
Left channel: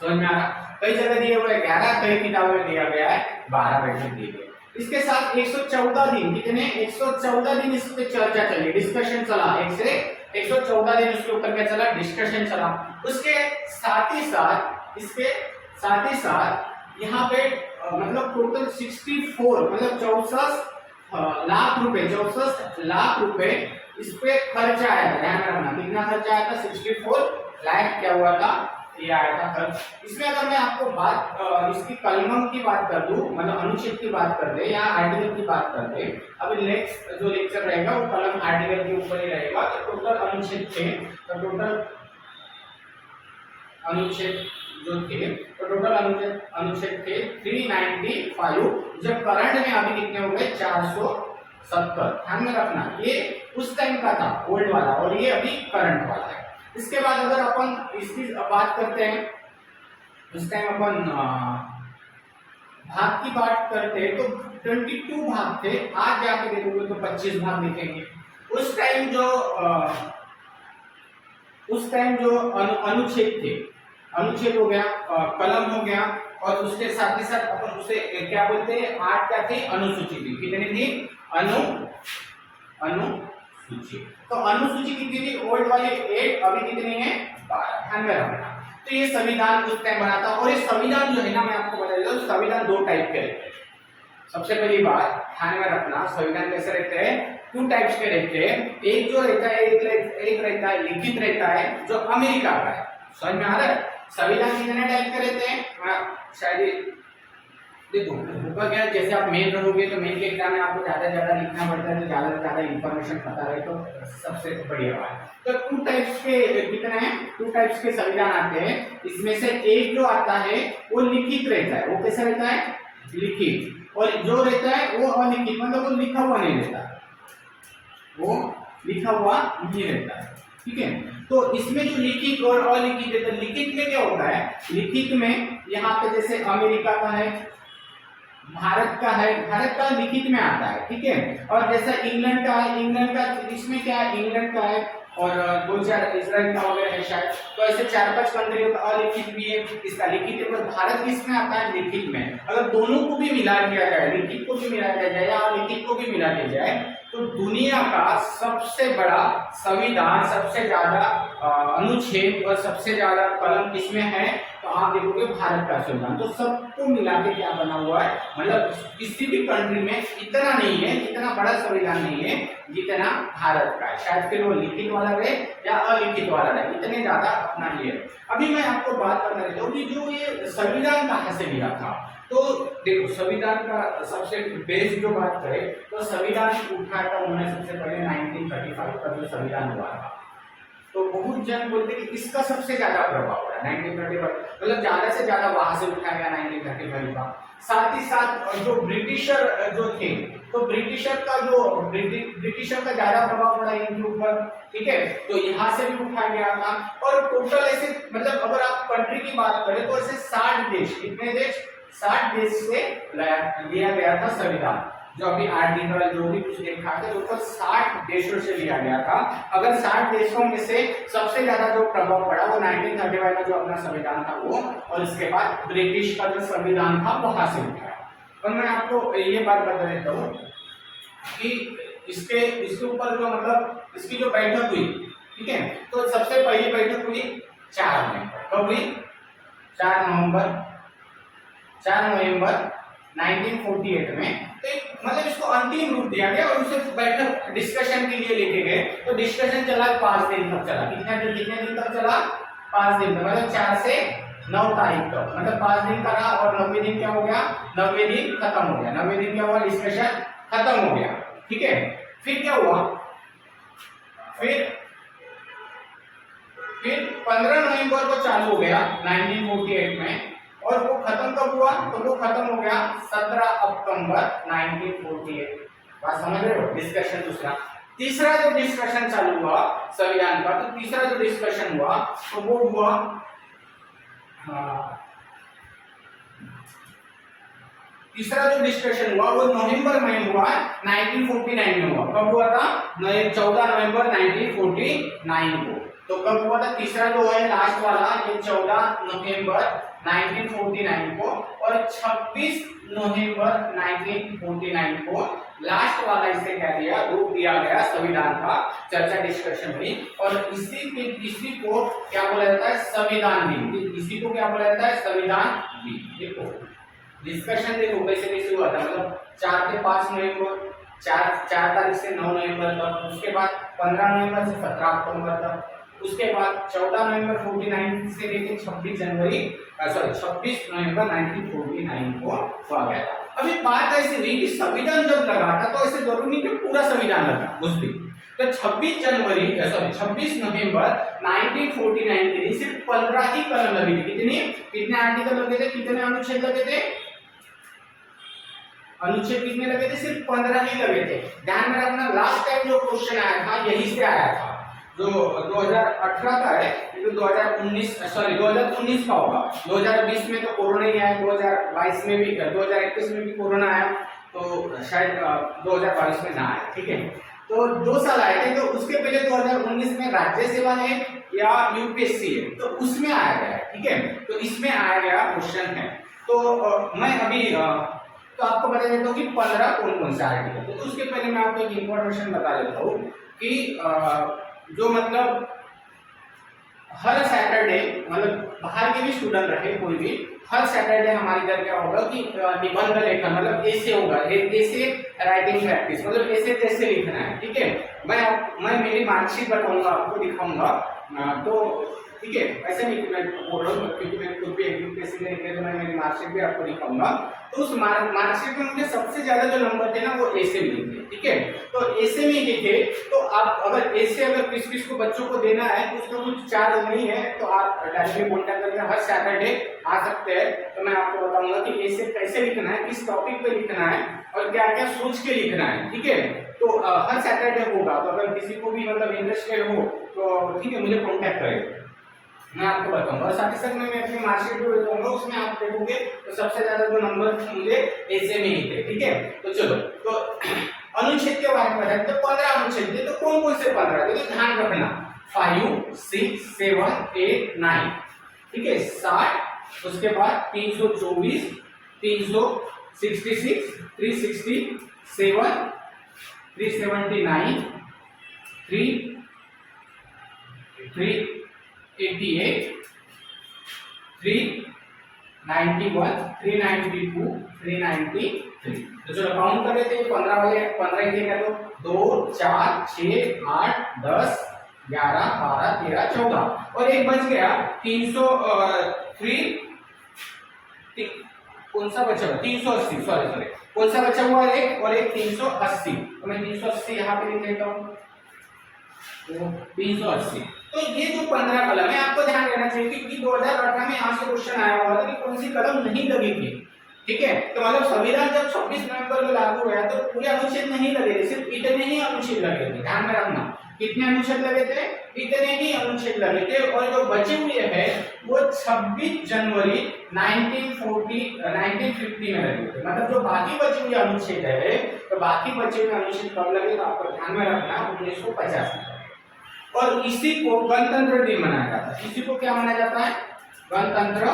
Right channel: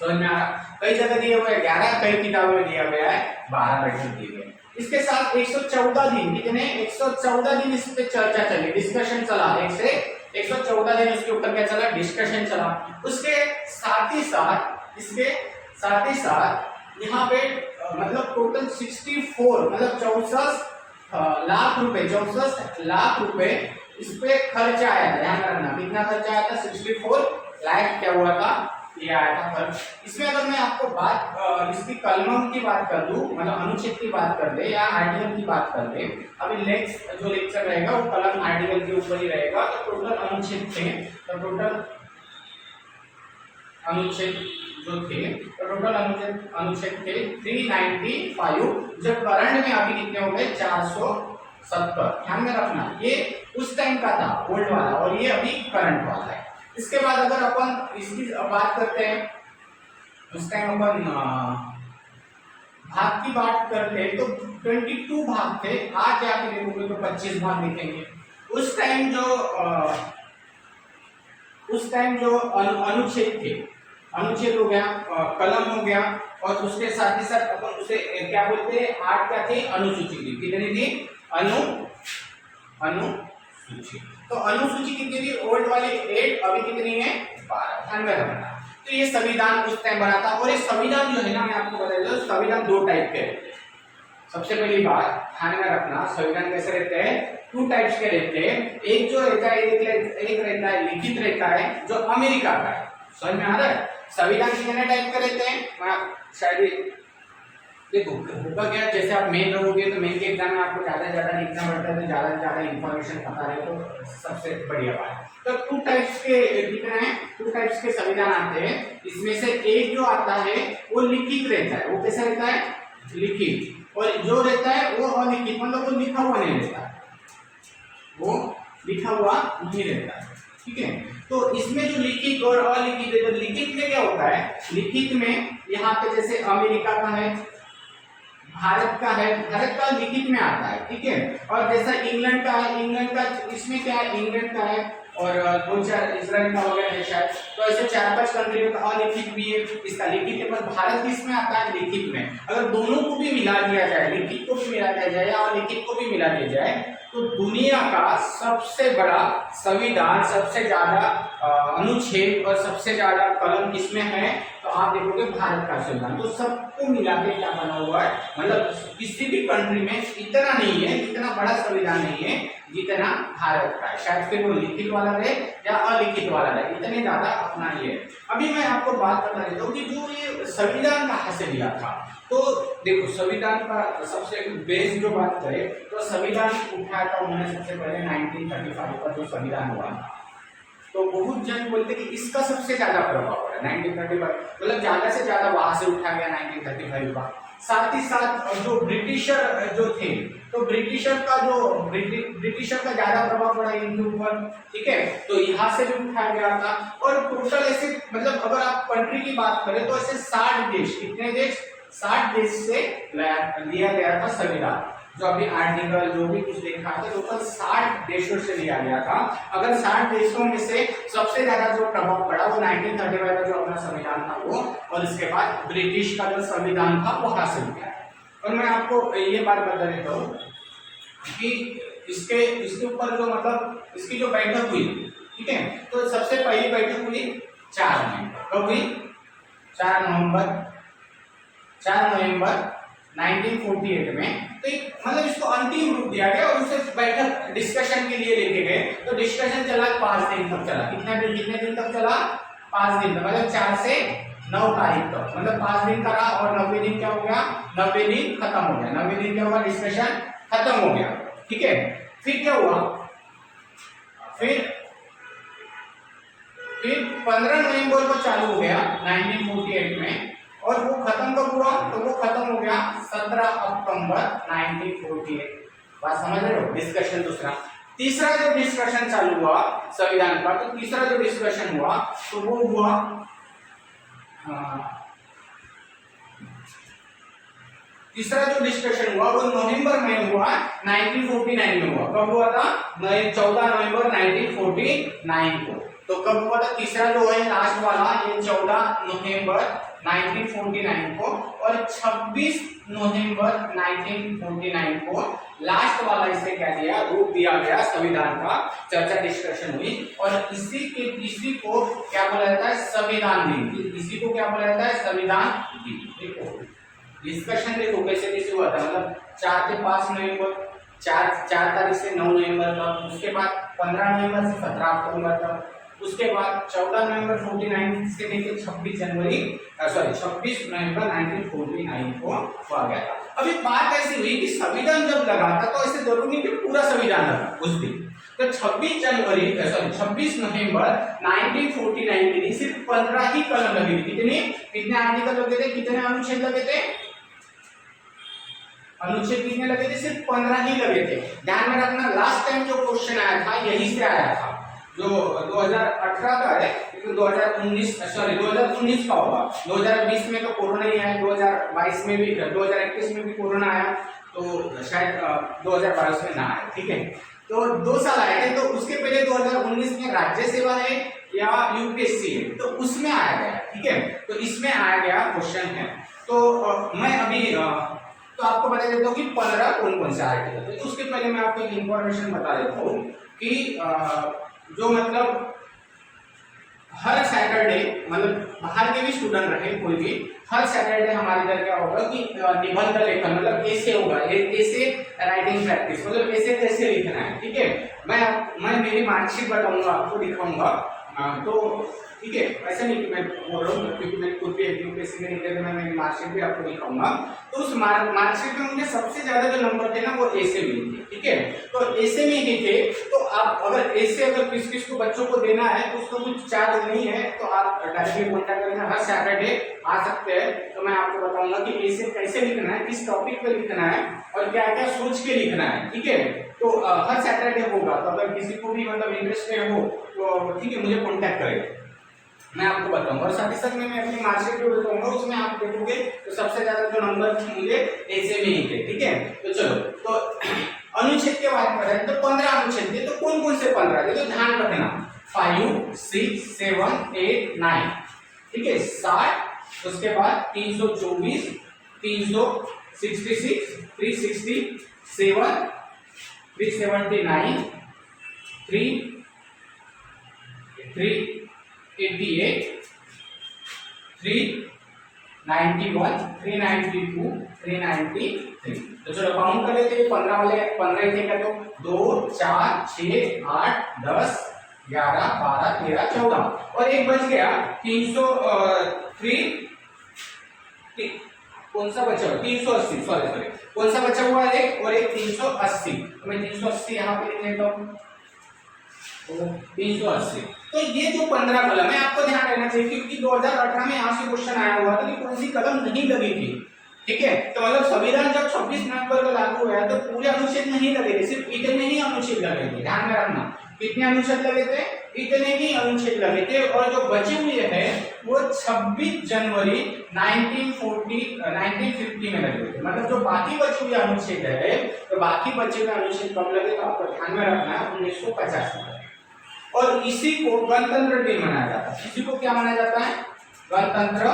समझ में आ रहा? कई जगह दिए हुए 11, कई किताबों में दिया गया है 12 बैठक दिए गए। इसके साथ 114 दिन, कितने 114 दिन इस पे चर्चा चली, डिस्कशन चला, 114 दिन इसके ऊपर क्या चला, डिस्कशन चला। उसके साथ ही साथ इसके साथ ही साथ यहाँ पे मतलब टोटल 64 मतलब 64 लाख रुपए इस पे खर्चा आया था। ध्यान रखना कितना खर्चा आया था, 64 लाख क्या हुआ था, ये आया था खर्च। इसमें अगर मैं आपको बात इसकी कलमों की बात कर दूं, मतलब अनुच्छेद की बात कर दे या आर्टिकल की बात कर दे, अभी नेक्स्ट जो लेक्चर रहेगा वो कलम आर्टिकल के ऊपर ही रहेगा। तो टोटल अनुच्छेद थे, तो टोटल अनुच्छेद जो थे, तो टोटल अनुच्छेद थे 395, जो करंट में अभी कितने हो गए 470। ध्यान में रखना ये उस टाइम का था ओल्ड वाला, और ये अभी करंट वाला है। इसके बाद अगर अपन इसकी बात करते हैं, उस टाइम अपन भाग की बात करते हैं तो 22 भाग थे, आज जाके देखोगे तो 25 भाग दिखेंगे। उस टाइम जो अनुच्छेद थे, अनुच्छेद हो गया, कलम हो गया, और उसके साथ ही साथ अपन उसे क्या बोलते हैं, 8 क्या थे, अनुसूची थी। कितनी थी, अनुसूची। तो अनुसूची कितनी थी, ओल्ड वाली 8, अभी कितनी है 12। ध्यान में रखना। तो ये संविधान उस टाइम बना था, और ये संविधान जो है ना, मैं आपको बता देता हूं, संविधान 2 टाइप के रहते हैं। सबसे पहली बात ध्यान में रखना, संविधान कैसे रहते हैं, टू टाइप्स के रहते हैं। एक जो रहता है एक रहता है लिखित रहता है जो अमेरिका का है। समझ में आ रहा है? संविधान कितने टाइप के रहते हैं? मैं शायद देखो होगा क्या, जैसे आप मेन रहोगे तो मेन के एग्जाम में आपको ज्यादा से ज्यादा लिखना पड़ता है, तो ज्यादा से ज्यादा इंफॉर्मेशन पता रहे तो सबसे बढ़िया बात है। तो टू टाइप्स के कितने हैं? टू टाइप्स के संविधान आते हैं। इसमें से एक जो आता है वो लिखित रहता है। वो कैसा रहता है? लिखित। और जो रहता है वो अलिखित, मतलब वो लिखा हुआ नहीं रहता, वो लिखा हुआ नहीं रहता है। ठीक है, तो इसमें जो लिखित और अलिखित है, तो लिखित में क्या होता है? लिखित में यहाँ पे जैसे अमेरिका का है, भारत का है, भारत का लिखित में आता है। ठीक है, और जैसा इंग्लैंड का है, इंग्लैंड का इसमें क्या है? इंग्लैंड का है, और दो चार इजराइल का वगैरह है शायद। तो ऐसे 4-5 कंट्रियों का अलिखित भी है, इसका लिखित है, पर भारत किसमें आता है? लिखित में। अगर दोनों को भी मिला दिया जाए, लिखित को भी मिला दिया जाए या अलिखित को भी मिला दिया जाए, तो दुनिया का सबसे बड़ा संविधान, सबसे ज्यादा अनुच्छेद और सबसे ज्यादा कलम किसमें है? तो आप देखोगे भारत का संविधान। तो सबको मिला के क्या बना हुआ है? मतलब किसी भी कंट्री में इतना नहीं है, इतना बड़ा संविधान नहीं है जितना भारत का है। शायद फिर वो लिखित वाला रहे या अलिखित वाला रहे, इतने ज्यादा अपना ही है। अभी मैं आपको बात करना चाहता हूँ कि जो ये संविधान कहाँ से लिया था। तो देखो संविधान का सबसे बेस जो बात करें तो संविधान उठाया था उन्होंने सबसे पहले 1935 का जो संविधान हुआ था। तो बहुत जन बोलते कि इसका सबसे ज्यादा प्रभाव पड़ा 1935, मतलब ज्यादा से ज्यादा वहां से उठा गया 1935 का। साथ ही साथ जो ब्रिटिशर जो थे, तो ब्रिटिशर का ज्यादा प्रभाव पड़ा इनके ऊपर। ठीक है, तो यहाँ से भी उठाया गया था। और टोटल ऐसे मतलब अगर आप कंट्री की बात करें तो ऐसे 60 देश, कितने देश? 60 देश से लिया गया था संविधान। जो अभी आर्टिकल जो भी कुछ देखा था टोटल 60 देशों से लिया गया था। अगर 60 देशों में से सबसे ज्यादा जो प्रभाव पड़ा वो 1935 का जो अपना संविधान था वो, और इसके बाद ब्रिटिश का जो संविधान था वहां से उठाया। और मैं आपको ये बात बता देता हूँ कि इसके ऊपर जो मतलब इसकी जो बैठक हुई, ठीक है, तो सबसे पहली बैठक हुई 4 नवंबर। कब हुई? 4 नवंबर 1948 में। तो मतलब इसको अंतिम रूप दिया गया और उसे बैठक डिस्कशन के लिए लेके गए। तो डिस्कशन चला 5 दिन तक चला। कितने दिन तक चला? 5 दिन तक, मतलब 4 से 9 तारीख तक, मतलब 5 दिन का रहा। और 90 दिन क्या हो गया? 90 दिन खत्म हो गया। 90 दिन क्या हुआ? डिस्कशन खत्म हो गया। ठीक है, फिर क्या हुआ? फिर 15 नवंबर को चालू हो गया 1948 में। और वो खत्म कब हुआ? तो वो खत्म हो गया 17 अक्टूबर 1948। बात समझ रहे हो? डिस्कशन दूसरा। तीसरा जो डिस्कशन चालू हुआ संविधान का, तो तीसरा जो डिस्कशन हुआ तो वो हुआ तीसरा जो डिस्कशन हुआ वो नवंबर में हुआ, 1949 में हुआ। कब हुआ था? 14 नवंबर 1949 को। तो कब हुआ था? तीसरा जो है लास्ट वाला, ये 14 नवंबर 1949 को, और 26 नवंबर 1949 को लास्ट वाला इसे क्या दिया? वो दिया गया संविधान का। चर्चा डिस्कशन हुई और इसी को क्या बोला जाता है? संविधान दिन। इसी को क्या बोला जाता है? संविधान दिन। देखो डिस्कशन देखो कैसे हुआ था, मतलब 4 से 5 नवंबर, 4 तारीख से 9 नवंबर तक, उसके बाद 15 नवंबर से 17 अक्टूबर तक, उसके बाद 14 नवंबर 49 से लेकर 26 नवंबर 1949 को हुआ गया था। अभी बात ऐसी हुई कि संविधान जब लगा था तो ऐसे जरूरी नहीं कि पूरा संविधान लगा उस दिन। तो 26 नवंबर 1949 के दिन सिर्फ 15 ही कलम लगी थी। कितने आर्टिकल लगे थे? कितने अनुच्छेद लगे थे? अनुच्छेद कितने लगे थे? सिर्फ 15 ही लगे थे। ध्यान में रखना, लास्ट टाइम जो क्वेश्चन आया था यही से आया था, जो 2018 का है, तो 2019 का होगा। 2020 में तो कोरोना ही आया, 2022 में भी, 2021 में भी कोरोना आया, तो शायद 2022 में ना आया। ठीक है, तो 2 साल आए थे। तो उसके पहले 2019 में राज्य सेवा है या यूपीएससी है, तो उसमें आया गया। ठीक है, तो इसमें आया गया क्वेश्चन है। तो मैं अभी तो आपको बता देता हूँ कि 15 कौन से आर्टिकल थे। तो उसके पहले मैं आपको एक इंफॉर्मेशन बता देता हूँ कि जो मतलब हर सैटरडे, मतलब बाहर के भी स्टूडेंट रहे कोई भी, हर सैटरडे हमारे इधर क्या होगा कि निबंध लेखन मतलब ऐसे होगा, ऐसे राइटिंग प्रैक्टिस, मतलब ऐसे कैसे लिखना है। ठीक है, मैं मेरी मार्कशीट बताऊंगा आपको, दिखाऊंगा। तो ठीक है, ऐसे नहीं कि मैं बोल रहा हूँ, क्योंकि मैं खुद भी यूपीएससी में निकले तो मैं मेरी मार्कशीट भी आपको दिखाऊंगा। तो उस मार्कशीट में मुझे सबसे ज्यादा जो नंबर थे ना वो ऐसे मिले थे। ठीक है, तो ऐसे में ही थे। तो आप अगर ऐसे अगर किस किस को बच्चों को देना है तो उसका कुछ चार्ज नहीं है, तो आप डायरेक्टली कॉन्टैक्ट करके हर सैटरडे आ सकते हैं। तो मैं आपको बताऊंगा कि ऐसे कैसे लिखना है, किस टॉपिक पे लिखना है और क्या क्या सोच के लिखना है। ठीक है, तो हर सैटरडे होगा। तो अगर किसी को भी मतलब इंटरेस्टेड हो तो ठीक है, मुझे कॉन्टैक्ट करें, मैं आपको बताऊंगा। और साथ ही साथ मैं अपनी मार्कशीट भी बताऊंगा, उसमें आप देखोगे तो सबसे ज्यादा जो नंबर मुझे ऐसे में ही थे। ठीक है, तो चलो, तो अनुच्छेद के बारे में बताएं। तो 15 अनुच्छेद थे, तो कौन कौन से 15 थे, तो ध्यान रखना 5, 6, 7, 8, 9। ठीक है, 60, उसके बाद 324, 366, 367, 379, 388, 391, 392, 393। तो चलो काउंट कर लेते हैं। 15 वाले 15 ही थे क्या, तो 2, 4, 6, 8, 10, 11, 12, 13, 14 और एक बच गया 300। कौन सा बचा हुआ, 380, सॉरी कौन सा बचा हुआ है, एक और एक 380। तो मैं 380 यहाँ पे लिख लेता हूँ, तो 380। तो ये जो 15 कलम है आपको ध्यान रखना चाहिए, क्योंकि 2018 में यहाँ से क्वेश्चन आया हुआ था कि कौन सी कलम नहीं लगी थी। ठीक है, तो मतलब संविधान जब 26 नवंबर को लागू हुआ तो पूरे अनुच्छेद नहीं लगे थे, सिर्फ इतने ही अनुच्छेद लगे थे। ध्यान में रखना, कितने अनुच्छेद लगे थे, इतने ही अनुच्छेद लगे थे। और जो बचे हुए हैं वो 26 जनवरी 1950 में लगे थे। मतलब जो बाकी बचे हुए अनुच्छेद है, तो बाकी बचे हुए अनुच्छेद कब लगे, तो आपको ध्यान में रखना है 1950 में। और इसी को गणतंत्र दिन मनाया जाता है। इसी को क्या मनाया जाता है, गणतंत्र।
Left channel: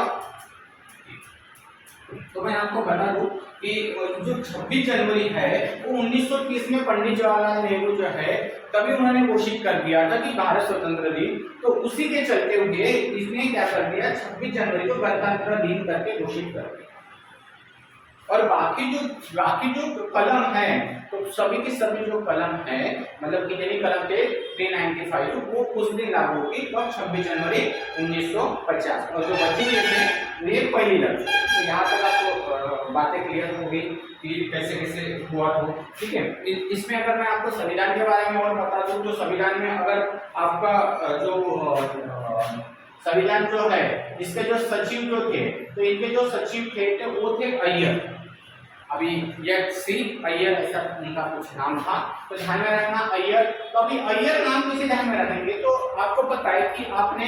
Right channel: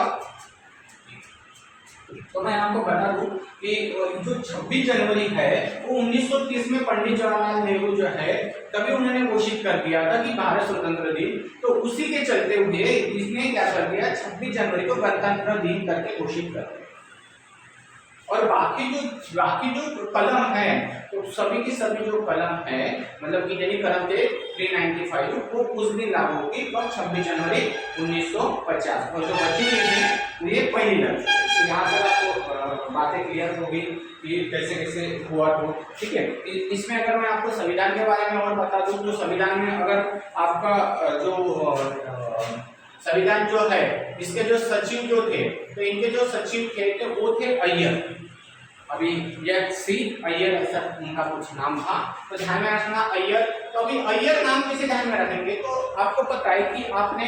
तो मैं आपको बता दूं कि जो 26 जनवरी है वो 1930 में पंडित जवाहरलाल नेहरू जो है तभी उन्होंने घोषित कर दिया था कि भारत स्वतंत्र दिन। तो उसी के चलते हुए इसने क्या कर दिया, 26 जनवरी को गणतंत्र दिन करके घोषित कर दिया। और बाकी जो कलम है, तो सभी की सभी जो कलम है, मतलब कितनी कलम थे 395, वो उस दिन लागू होगी, तो 26 जनवरी 1950। और जो बची हुई थी वो ये पहली लग। तो यहाँ तक आपको बातें क्लियर हो गई कि कैसे कैसे हुआ। तो ठीक है, इसमें अगर मैं आपको संविधान के बारे में और बता दूं, तो संविधान में अगर आपका जो संविधान जो है, इसके जो सचिव जो थे, तो इनके जो सचिव थे तो वो थे अय्यर। अभी सी अय्यर ऐसा उनका कुछ नाम था, तो ध्यान में रखना अय्यर। तो अभी अय्यर नाम कैसे ध्यान में रखेंगे, तो आपको पता है कि आपने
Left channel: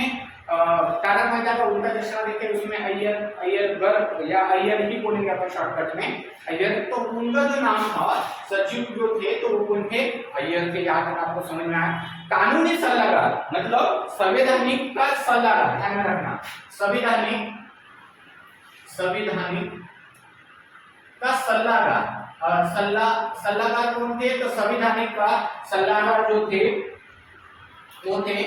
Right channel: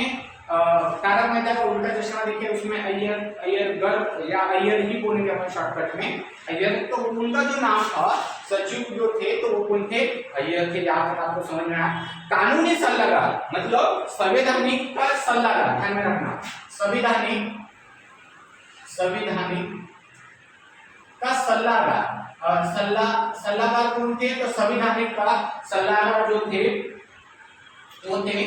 तारक मेहता का उल्टा चश्मा देखे, उसमें अय्यरगर या अय्यर ही बोलेंगे अपन शॉर्टकट में, अय्यर। तो उनका जो नाम था, सचिव जो थे, तो वो कौन थे, अय्यर थे। यहाँ तक आपको समझ में आया। कानूनी सलाहकार मतलब संवैधानिक का सलाहकार, ध्यान में रखना, संवैधानिक का सलाहकार। सलाहकार कौन थे, तो संवैधानिक का सलाहकार जो थे वो थे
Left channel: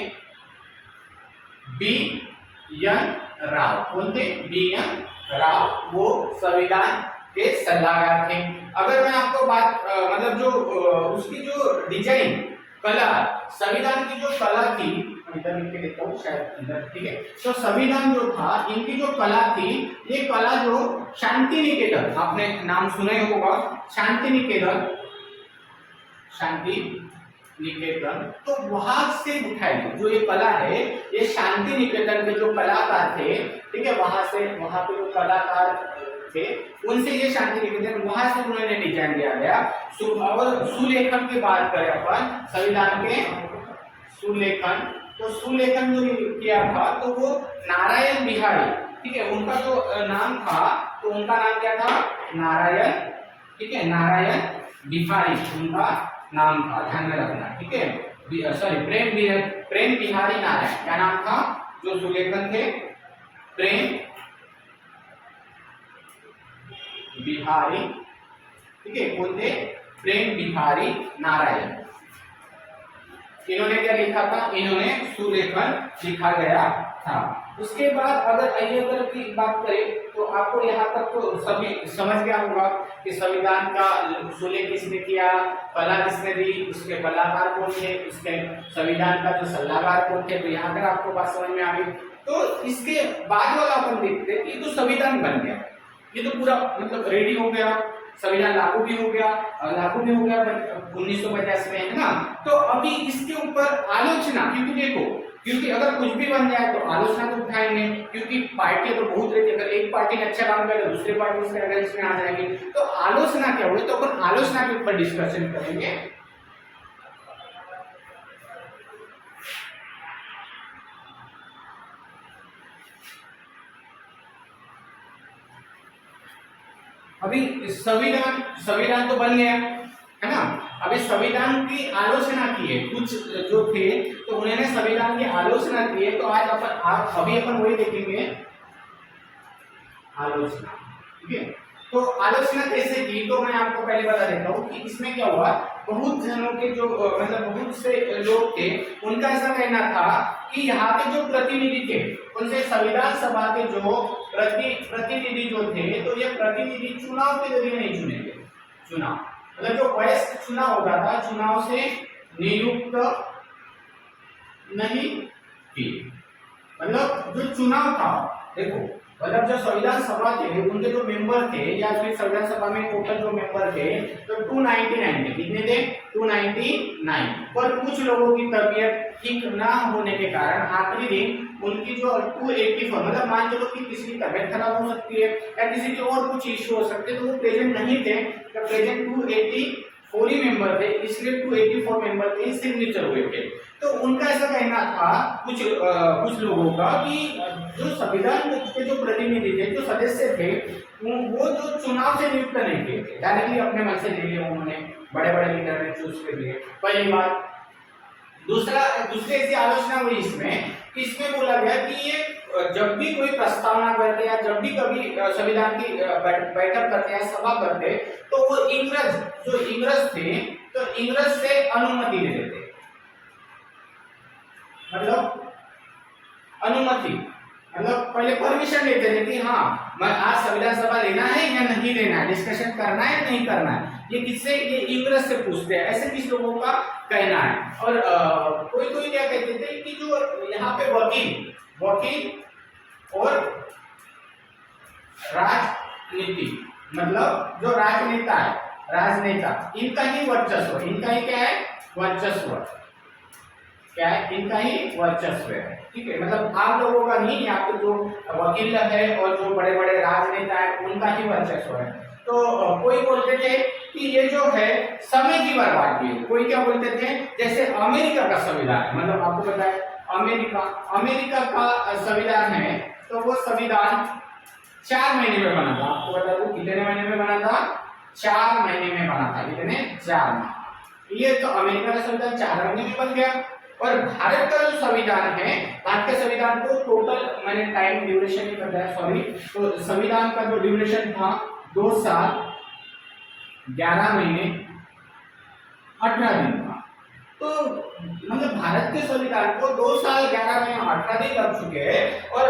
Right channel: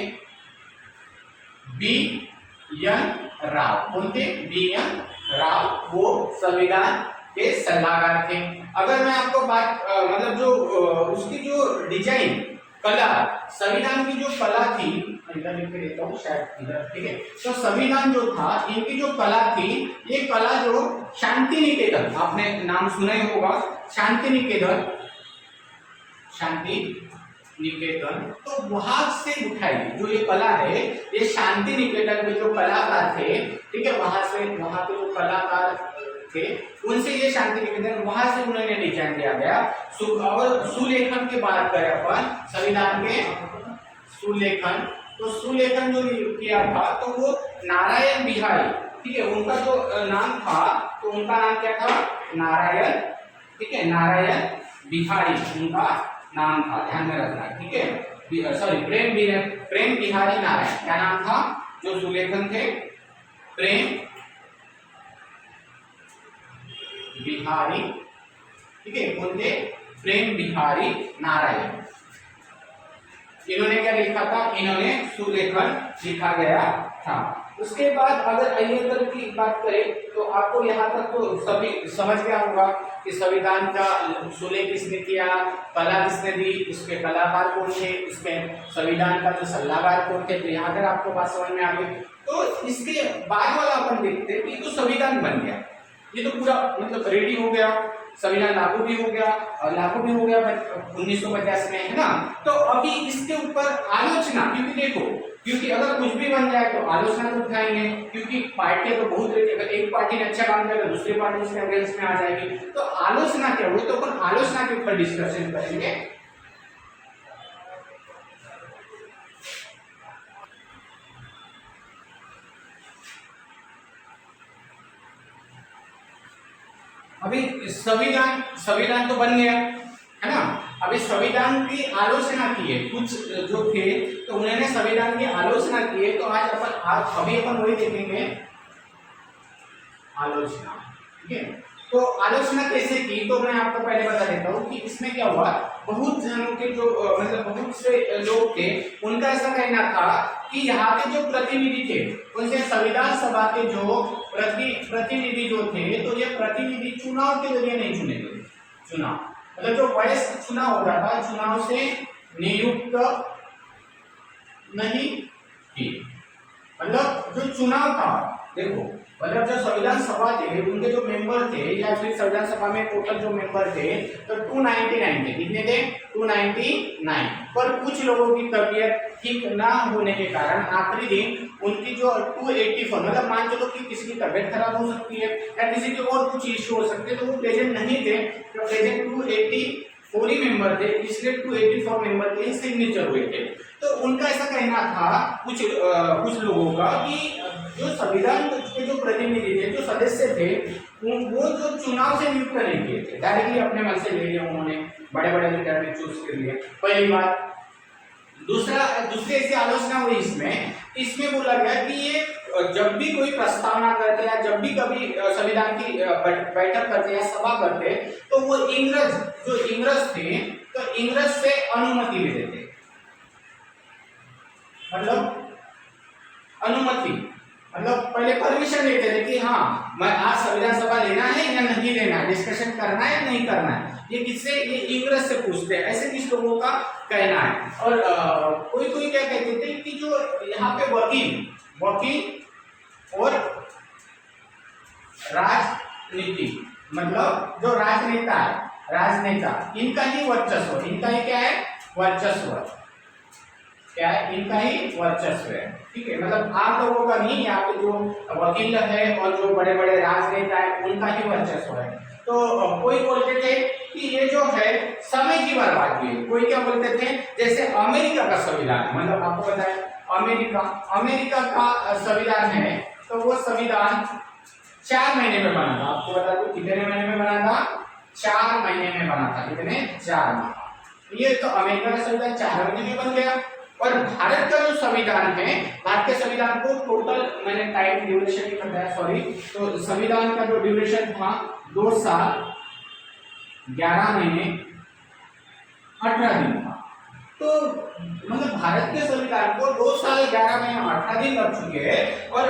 बी.एन. राव। कौन थे, बी.एन. राव, वो संविधान के सलाहकार थे। अगर मैं आपको बात मतलब जो उसकी जो डिजाइन कला, संविधान की जो कला थी, इधर लिख के देता हूँ शायद इधर, ठीक है। तो संविधान जो था, इनकी जो कला थी, ये कला जो शांति निकेतन, आपने नाम सुना ही होगा, शांति निकेतन, तो वहां से उठाई जो ये कला है, ये शांति निकेतन के जो कलाकार थे, ठीक है, वहां पे जो कलाकार थे उनसे ये शांति निकेतन, वहां से उन्होंने डिजाइन दिया गया। और सुलेखन की बात करें अपन संविधान के सुलेखन, तो सुलेखन जो किया था तो वो नारायण बिहारी, ठीक है, उनका जो नाम था, तो उनका नाम क्या था, नारायण, ठीक है, नारायण बिहारी उनका नाम था, ध्यान में रखना, ठीक है। सॉरी, प्रेम बिहारी नारायण, क्या नाम था जो सुलेखन थे, प्रेम बिहारी, ठीक है, कौन थे, प्रेम बिहारी नारायण। इन्होंने क्या लिखा था, इन्होंने सुलेखन लिखा गया था। उसके बाद अगर अय्यर की बात करें तो आपको यहाँ तक तो सभी समझ गया होगा कि संविधान का सुलेख किसने किया, कला किसने दी, उसके कलाकार कौन थे, उसके संविधान का जो सलाहकार कौन थे। तो यहाँ तक आपको बात समझ में आ गई। तो इसके बाद वाला अपन देखते हैं कि तो संविधान बन गया, ये तो पूरा मतलब रेडी हो गया, संविधान लागू भी हो गया, 1950 में, है ना। तो अभी इसके ऊपर आलोचना, क्योंकि अगर कुछ भी बन जाए तो आलोचना तो उठाएंगे, क्योंकि पार्टी तो बहुत रहती है, अगर एक पार्टी ने अच्छा काम किया तो दूसरी पार्टी उसके अगेंस्ट में आ जाएगी। तो आलोचना क्या हुई, तो अपन आलोचना के ऊपर डिस्कशन करेंगे। अभी संविधान तो बन गया, है ना। अभी संविधान की आलोचना की है कुछ जो थे, तो उन्होंने संविधान की आलोचना की है। तो आज अभी अपन वही देखेंगे, आलोचना, ठीक है। तो आलोचना कैसे की, तो मैं आपको पहले बता देता हूँ कि इसमें क्या हुआ। बहुत जनों के जो मतलब बहुत से लोग थे, उनका ऐसा कहना था कि यहाँ के जो प्रतिनिधि थे, उनसे संविधान सभा के जो प्रतिनिधि जो थे, तो ये प्रतिनिधि चुनाव के जरिए नहीं चुने गए। चुनाव मतलब जो वयस्क चुनाव होता था, चुनाव से नियुक्त नहीं की, मतलब जो चुनाव था, देखो मतलब जो संविधान सभा थे, उनके जो मेंबर थे, या फिर संविधान सभा में टोटल जो मेंबर थे तो 299 थे। कितने थे, 299। पर कुछ लोगों की तबीयत ठीक ना होने के कारण आखिरी दिन उनकी जो 284, मतलब मान चलो कि किसी की तबीयत खराब हो सकती है या किसी की और कुछ इश्यू हो सकते, तो वो प्रेजेंट नहीं थे। जब प्रेजेंट 284 ही मेंबर थे, इसलिए 284 मेंबर के सिग्नेचर हुए थे। तो उनका ऐसा कहना था कुछ लोगों का कि जो संविधान के जो प्रतिनिधि थे, जो सदस्य थे, वो जो चुनाव से नियुक्त नहीं किए थे, डायरेक्टली अपने मन से ले लिए उन्होंने, बड़े बड़े लीडर में चूज कर लिए, पहली बात। दूसरी ऐसी आलोचना हुई इसमें बोला गया कि ये जब भी कोई प्रस्तावना करते या जब भी कभी संविधान की बैठक करते या सभा करते, तो वो इंग्रज थे, तो इंग्रज से अनुमति लेते थे, मतलब अनुमति, मतलब पहले परमिशन लेते थे कि हाँ मैं आज संविधान सभा लेना है या नहीं लेना है, डिस्कशन करना है या नहीं करना है। ये किससे, ये इंग्रज से पूछते हैं, ऐसे किस लोगों का कहना है। और कोई क्या कहते थे कि जो यहाँ पे वकील और राजनीति, मतलब जो राजनेता है, इनका ही वर्चस्व, इनका ही क्या है, वर्चस्व, क्या है, इनका ही वर्चस्व है, ठीक है। मतलब आम लोगों का नहीं, यहाँ पे जो वकील है और जो बड़े बड़े राजनेता है, उनका ही वर्चस्व है। तो कोई बोलते थे कि ये जो है समय की बर्बादी है, कोई क्या बोलते थे, जैसे अमेरिका का संविधान है, मतलब आपको पता है अमेरिका का संविधान है, तो वो संविधान 4 महीने में बना था। आपको बता दूं कितने महीने में बना था, 4 महीने में बना था। कितने, 4 माह। ये तो अमेरिका का संविधान 4 महीने में बन गया। और भारत का जो संविधान है, भारत के संविधान को टोटल, मैंने टाइम ड्यूरेशन नहीं बताया, सॉरी, तो संविधान का जो ड्यूरेशन था 2 साल 11 महीने 18 दिन था। तो मतलब भारत के संविधान को 2 साल 11 महीने 18 दिन लग चुके हैं, और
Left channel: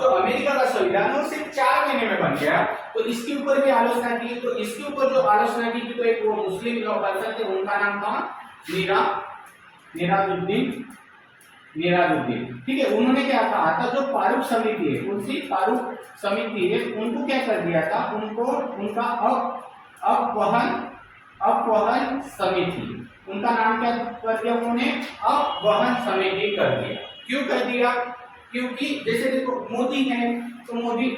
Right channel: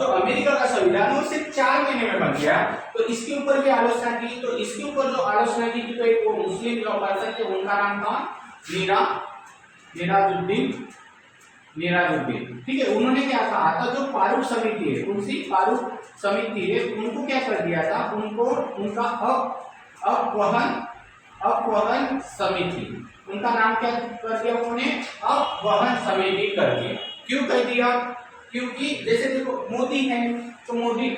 जो अमेरिका का संविधान है वो सिर्फ 4 महीने में बन गया। तो इसके ऊपर भी आलोचना की। तो इसके ऊपर जो आलोचना की तो एक वो मुस्लिम पर्सन थे, उनका नाम था निराजुद्दीन, ठीक है। उन्होंने क्या कहा था, जो फारूक समिति है, उनसी फारूक समिति है, उनको क्या कर दिया था, उनको उनका अपवहन समिति, उनका नाम क्या कर दिया उन्होंने, अपवहन समिति कर दिया। क्यों कर दिया, क्योंकि जैसे देखो मोदी है, तो मोदी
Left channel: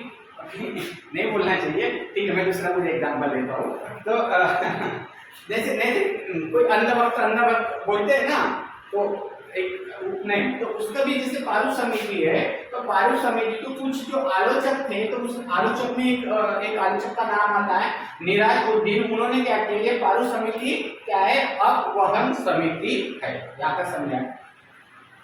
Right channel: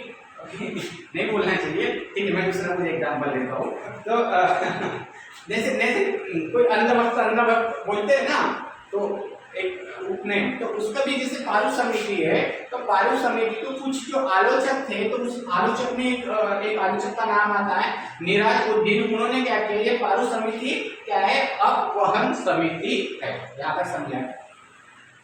नहीं बोलना चाहिए, ठीक है, मैं दूसरा कुछ एग्जाम्पल लेता हूँ। तो जैसे कोई अंधभक्त बोलते हैं ना, तो एक नहीं, तो उसका भी जैसे पारुष समिति है, तो पारुष समिति तो कुछ जो आलोचक थे, तो उस आलोचक में एक आलोचक का नाम आता है निराजुद्दीन। उन्होंने क्या किया, ये पारुष समिति क्या है, अपवहन समिति है। यहाँ तक समझा।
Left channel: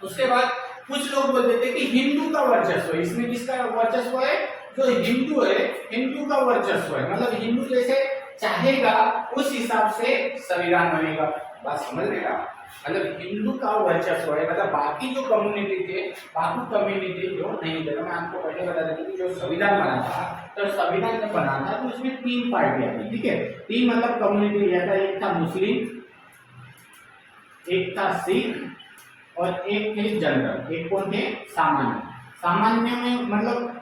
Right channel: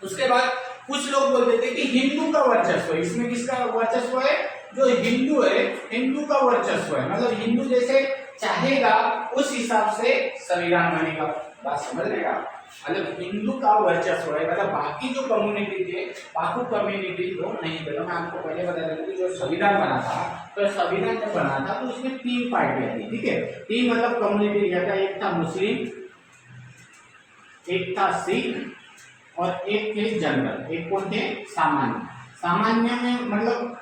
उसके बाद कुछ लोग बोलते थे कि हिंदू का वर्चस्व है, इसमें किसका वर्चस्व है, जो हिंदू है, हिंदू का वर्चस्व है, मतलब हिंदू जैसे चाहेगा उस हिसाब से संविधान बनेगा। बात समझ लेगा। मतलब हिंदू का वर्चस्व है, मतलब बाकी जो कम्युनिटी थे, बाकी कम्युनिटी जो नहीं थे। मैं आपको पहले बता देता कि जो संविधान बना था, तो संविधान जब बना था तो उसमें 3 पार्टियां थी, ठीक है। 3 मतलब कम्युनिटी था, एक था मुस्लिम, एक था सिख और एक थे जनरल। एक कौन थे? सामान्य। सामान्य में मतलब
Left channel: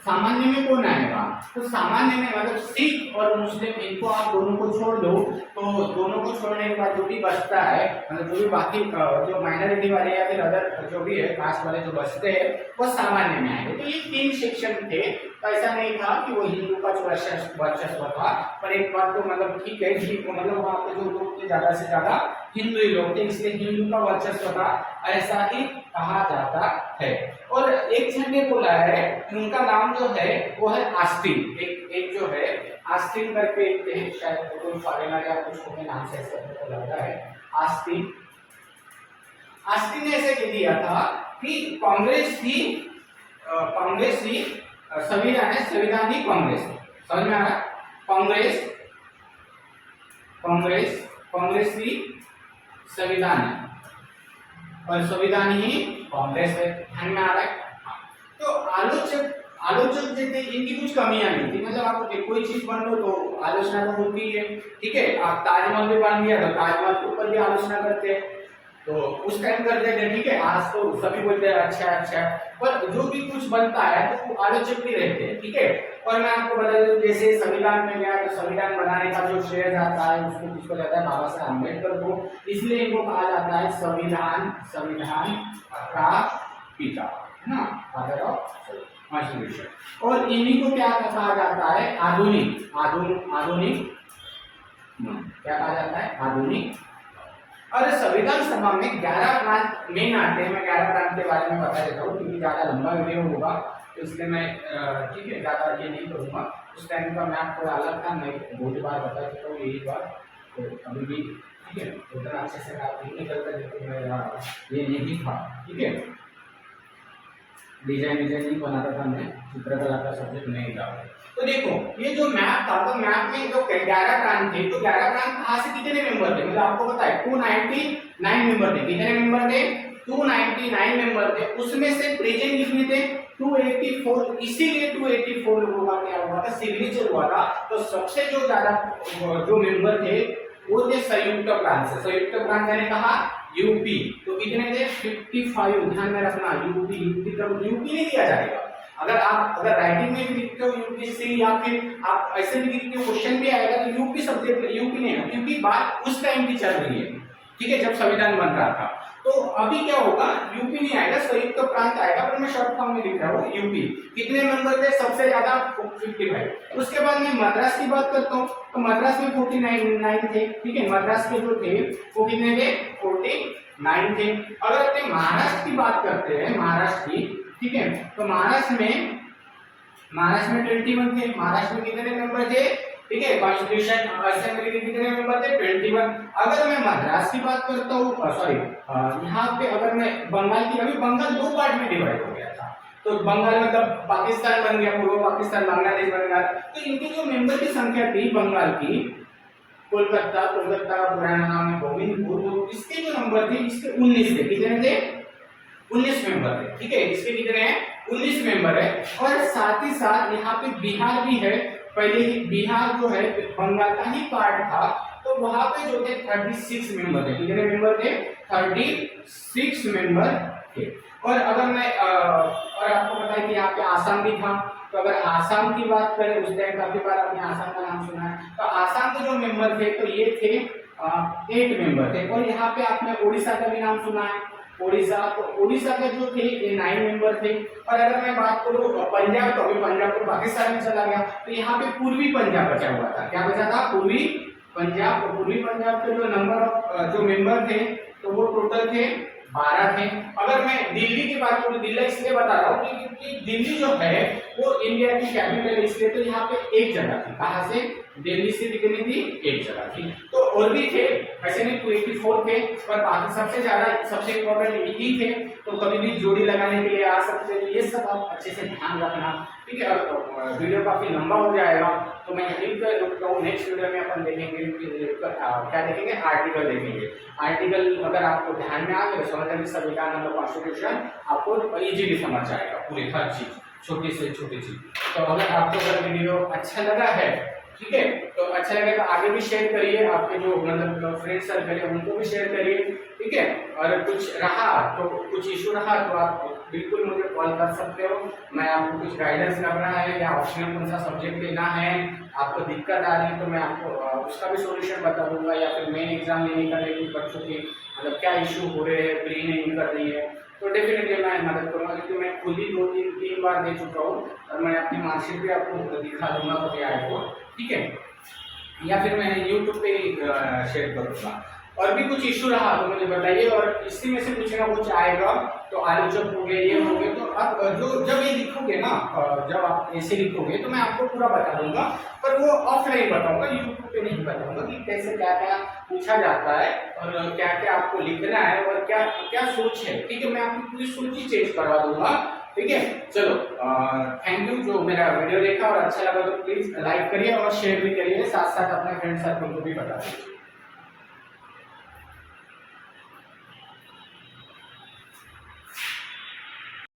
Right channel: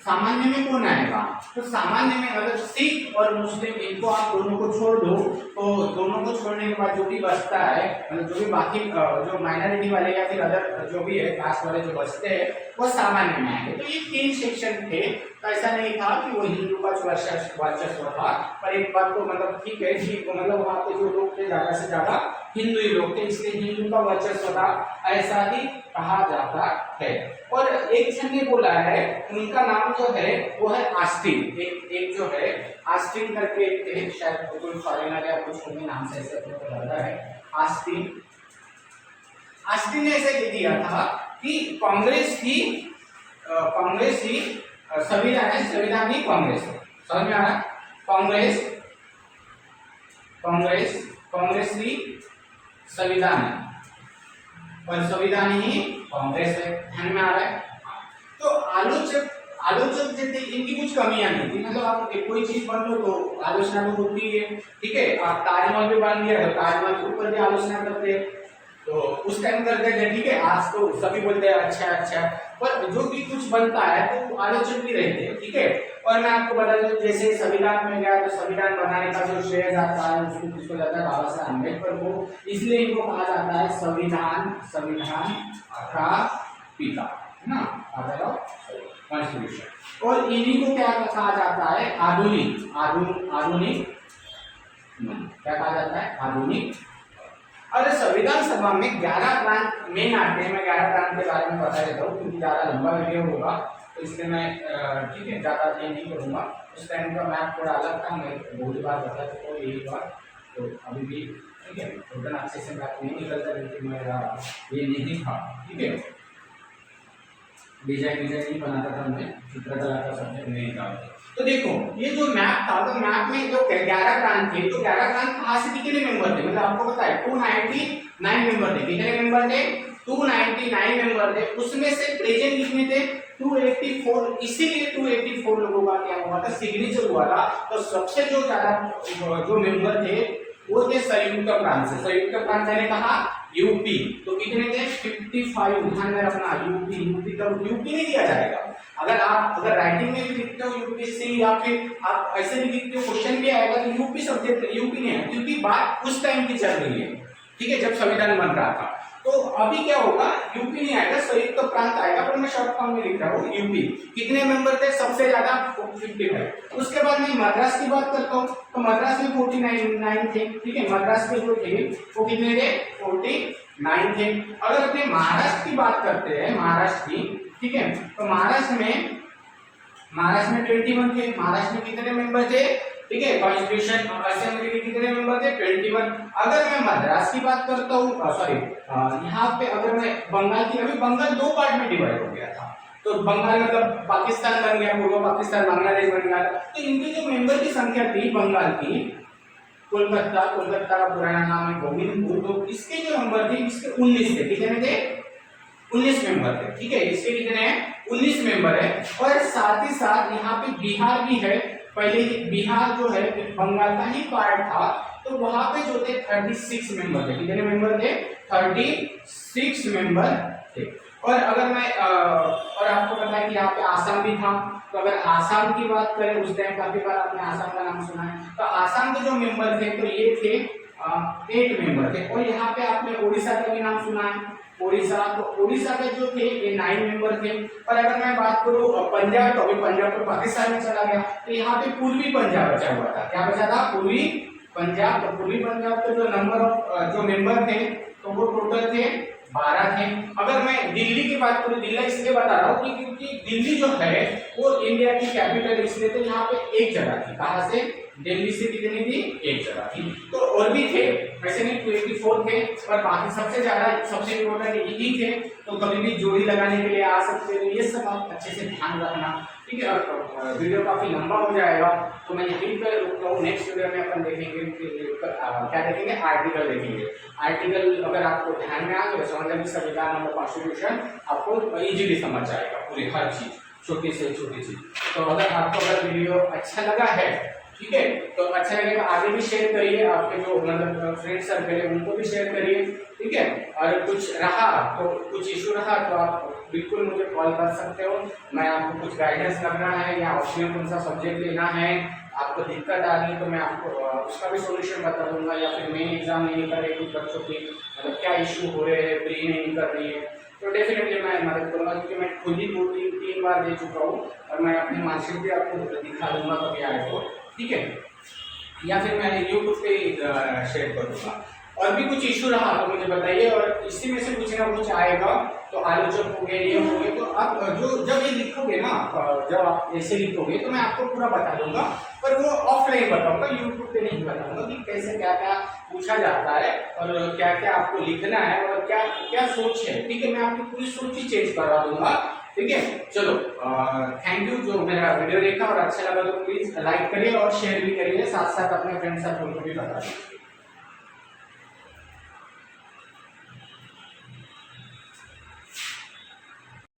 सामान्य में कौन आएगा? तो सामान्य में अगर सिख और मुस्लिम इनको आप दोनों को छोड़ दो, तो दोनों को छोड़ने के बाद जो भी बचता है, मतलब जो भी बाकी जो माइनॉरिटी वाले या फिर अदर जो भी है कास्ट वाले जो बचते हैं वो सामान्य में आएंगे। तो ये 3 सेक्शन थे। तो ऐसा नहीं था कि वो हिंदू का वर्चस्व था, पर एक बात तो मतलब ठीक है, ठीक मतलब वहाँ पे जो लोग थे ज्यादा से ज्यादा हिंदू ही लोग थे, इसलिए हिंदू का वर्चस्व था, ऐसा ही कहा जाता है। और एक जन ने बोला है, उनका नाम जो है वो है आस्टिन। एक जो है आस्टिन करके एक थे, शायद कोई फॉरेनर या कुछ होंगे, नाम से ऐसे अपने को लग रहा है आस्टिन। आस्टिन ने ऐसे कह दिया था कि कांग्रेस थी संविधान है, संविधान ही कांग्रेस है। समझ में आ रहा? कांग्रेस ही संविधान है और संविधान ही कांग्रेस है। ध्यान में आ रहा है? तो आलोचक जो थे इनकी कुछ कमियां नहीं थी, मतलब आप कोई चीज बन लो तो आलोचना तो होती है, ठीक है। आप ताजमहल भी बन लिया तो ताजमहल के ऊपर भी आलोचना करते हैं, तो उस टाइम करते थे, ठीक है। आज तो सभी बोलते हैं अच्छा, पर जो भी कुछ बनता है तो आलोचक भी रहते हैं, ठीक है। और मैं आपको बता दूं, जैसे संविधान में गया तो संविधान बनाने का जो श्रेय जाता है उसको किसको जाता है? बाबा साहब अम्बेडकर को। इसलिए इनको कहा जाता है संविधान का पिता, है ना, फादर ऑफ कॉन्स्टिट्यूशन। और इन्हीं को क्या कहा जाता है? आधुनिक क्या कहा जाता है? आधुनिक। और संविधान सभा में 11 प्रांत मेन आते हैं। मैं 11 प्रांत के बारे में बता देता हूँ क्योंकि ज्यादा लंबा वीडियो होगा, तो इसलिए मैं ठीक है ज्यादा ये नहीं करूंगा। उस टाइम का मैप थोड़ा अलग था, मैं बहुत बार बता चुका हूँ यही बात, तो अभी भी ठीक है उतना अच्छे से मैप नहीं निकलता, लेकिन मेरा ये नहीं था, ठीक है। डिजाइन नहीं बनाता था मैं, चित्रकला का सब्जेक्ट नहीं था। तो देखो ये जो मैप था, तो मैप में जो 11 प्रांत थे, तो 11 प्रांत कहाँ से कितने मेंबर थे? मतलब आपको पता है 299 मेंबर थे। कितने मेंबर थे? 299 मेंबर थे। उसमें से प्रेजेंट कितने थे? 284। इसीलिए 284 लोगों का क्या हुआ था? सिग्नेचर हुआ था। तो सबसे जो ज्यादा जो मेंबर थे वो थे संयुक्त प्रांत से। संयुक्त प्रांत मैंने कहा यूपी, तो कितने थे? 55। ध्यान में रखना, यूपी तो यूपी नहीं दिया जाएगा। अगर राइटिंग में भी लिखते हो यूपी से, या फिर आप ऐसे भी लिखते हो क्वेश्चन भी आएगा तो यूपी सब्जेक्ट यूपी नहीं है, क्योंकि बात उस टाइम की चल रही है, ठीक है, जब संविधान बन रहा था। तो अभी क्या होगा? यूपी नहीं आएगा, संयुक्त प्रांत आएगा, पर मैं शॉर्ट फॉर्म में लिख रहा हूँ यूपी। कितने मेंबर थे? सबसे ज्यादा 55। उसके बाद मैं मद्रास की बात करता हूँ, तो मद्रास में 49 थे, ठीक है। मद्रास के जो थे वो कितने थे? 49 थे। अगर अपने महाराष्ट्र की बात करते हैं, महाराष्ट्र की, ठीक है, तो महाराष्ट्र में 21 थे। महाराष्ट्र में कितने मेंबर थे? ठीक है, कॉन्स्टिट्यूशन असेंबली के कितने मेंबर थे? 21। अगर मैं मद्रास की बात करता हूँ, सॉरी यहाँ पे अगर मैं बंगाल की, अभी बंगाल 2 पार्ट में डिवाइड हो गया था, तो बंगाल मतलब पाकिस्तान बन गया, पूर्व पाकिस्तान, बांग्लादेश बन गया। तो इनके जो मेंबर की संख्या थी बंगाल की, कोलकाता का पुराना नाम है गोविंदपुर, तो इसके जो नंबर थे, इसके 19 थे। कितने थे? 19 मेंबर है, ठीक है। इसके कितने हैं? 19 मेंबर है। और साथ ही साथ यहाँ पे बिहार भी है। पहले ही बिहार जो है बंगाल का ही पार्ट था, तो वहां पे जो थे 36 मेंबर थे। कितने मेंबर थे? 36 मेंबर थे। और अगर मैं और आपको पता है कि यहाँ पे आसाम भी था, तो अगर आसाम की बात करें, उस टाइम काफी बार आपने आसाम का नाम सुना है, तो आसाम के जो मेंबर थे तो ये थे 8 मेंबर थे। और यहाँ पे आपने उड़ीसा का भी नाम सुना है, उड़ीसा, तो उड़ीसा के जो थे ये 9 मेंबर थे। और अगर मैं बात करूं पंजाब, तो अभी पंजाब तो पाकिस्तान में चला गया, तो यहाँ पे पूर्वी पंजाब बचा हुआ था। क्या बचा था? पूर्वी पंजाब। तो पूर्वी पंजाब के जो नंबर ऑफ जो मेंबर थे तो वो टोटल थे 12 थे। अगर मैं दिल्ली की बात करूं, दिल्ली इसलिए बता रहा हूँ क्योंकि दिल्ली जो है वो इंडिया की कैपिटल, इसलिए तो यहाँ पे एक जगह थी। कहाँ से? दिल्ली से कितनी थी? एक जगह थी। तो और भी थे, ऐसे नहीं 284 थे, पर बाकी सबसे ज्यादा सबसे इम्पोर्टेंट यही थे। तो कभी भी जोड़ी लगाने के लिए आ सकते हैं, ये सब आप अच्छे से ध्यान रखना, ठीक है। और वीडियो काफी लंबा हो जाएगा तो मैं यहीं पर रुकता हूँ। नेक्स्ट वीडियो में अपन देखेंगे क्या देखेंगे, आर्टिकल देखेंगे। आर्टिकल अगर आपको ध्यान में आ गया समझ लेंगे संविधान मतलब कॉन्स्टिट्यूशन आपको इजीली समझ जाएगा पूरी हर चीज, छोटी से छोटी चीज। तो अगर वीडियो अच्छा लगा है, ठीक है, तो अच्छा लगे तो आगे भी शेयर करिए, आपके जो मतलब फ्रेंड सर्कल है उनको भी शेयर करिए, ठीक है। और कुछ रहा तो कुछ इशू रहा तो आप बिल्कुल मुझे कॉल कर सकते हो। मैं आपको कुछ गाइडेंस करना है या ऑप्शनल कौन सा सब्जेक्ट लेना है, आपको दिक्कत आ रही है तो मैं आपको उसका भी सॉल्यूशन बता दूंगा। या फिर मेन एग्जाम नहीं कर रहे कुछ बच्चों की मतलब क्या इशू हो रहे हैं, प्री नहीं कर रही है, तो डेफिनेटली मैं मदद करूंगा, क्योंकि मैं खुद ही 2-3 बार दे चुका हूँ और मैं अपनी मार्कशीट भी आपको दिखा दूंगा कभी आए तो, ठीक है। या फिर मैं यूट्यूब पे शेयर करूंगा। और भी कुछ इशू रहा तो मुझे बताइए, और इसी में से कुछ ना कुछ आएगा तो आलोचक हो गए ये हो गए, तो आप जो जब ये लिखोगे ना, जब आप ऐसे लिखोगे तो मैं आपको पूरा बता दूंगा, पर वो ऑफलाइन बताऊंगा, यूट्यूब पे नहीं बताऊंगा कि कैसे क्या क्या पूछा जाता है और क्या क्या आपको लिखना है और क्या क्या सोच है, ठीक है। मैं आपकी पूरी सोच ही चेंज करवा दूंगा, ठीक है। चलो थैंक यू जो मेरा वीडियो देखा, और अच्छा लगा तो प्लीज लाइक करिए और शेयर भी करिए, साथ साथ अपने फ्रेंड सर्कल को भी बता दीजिए।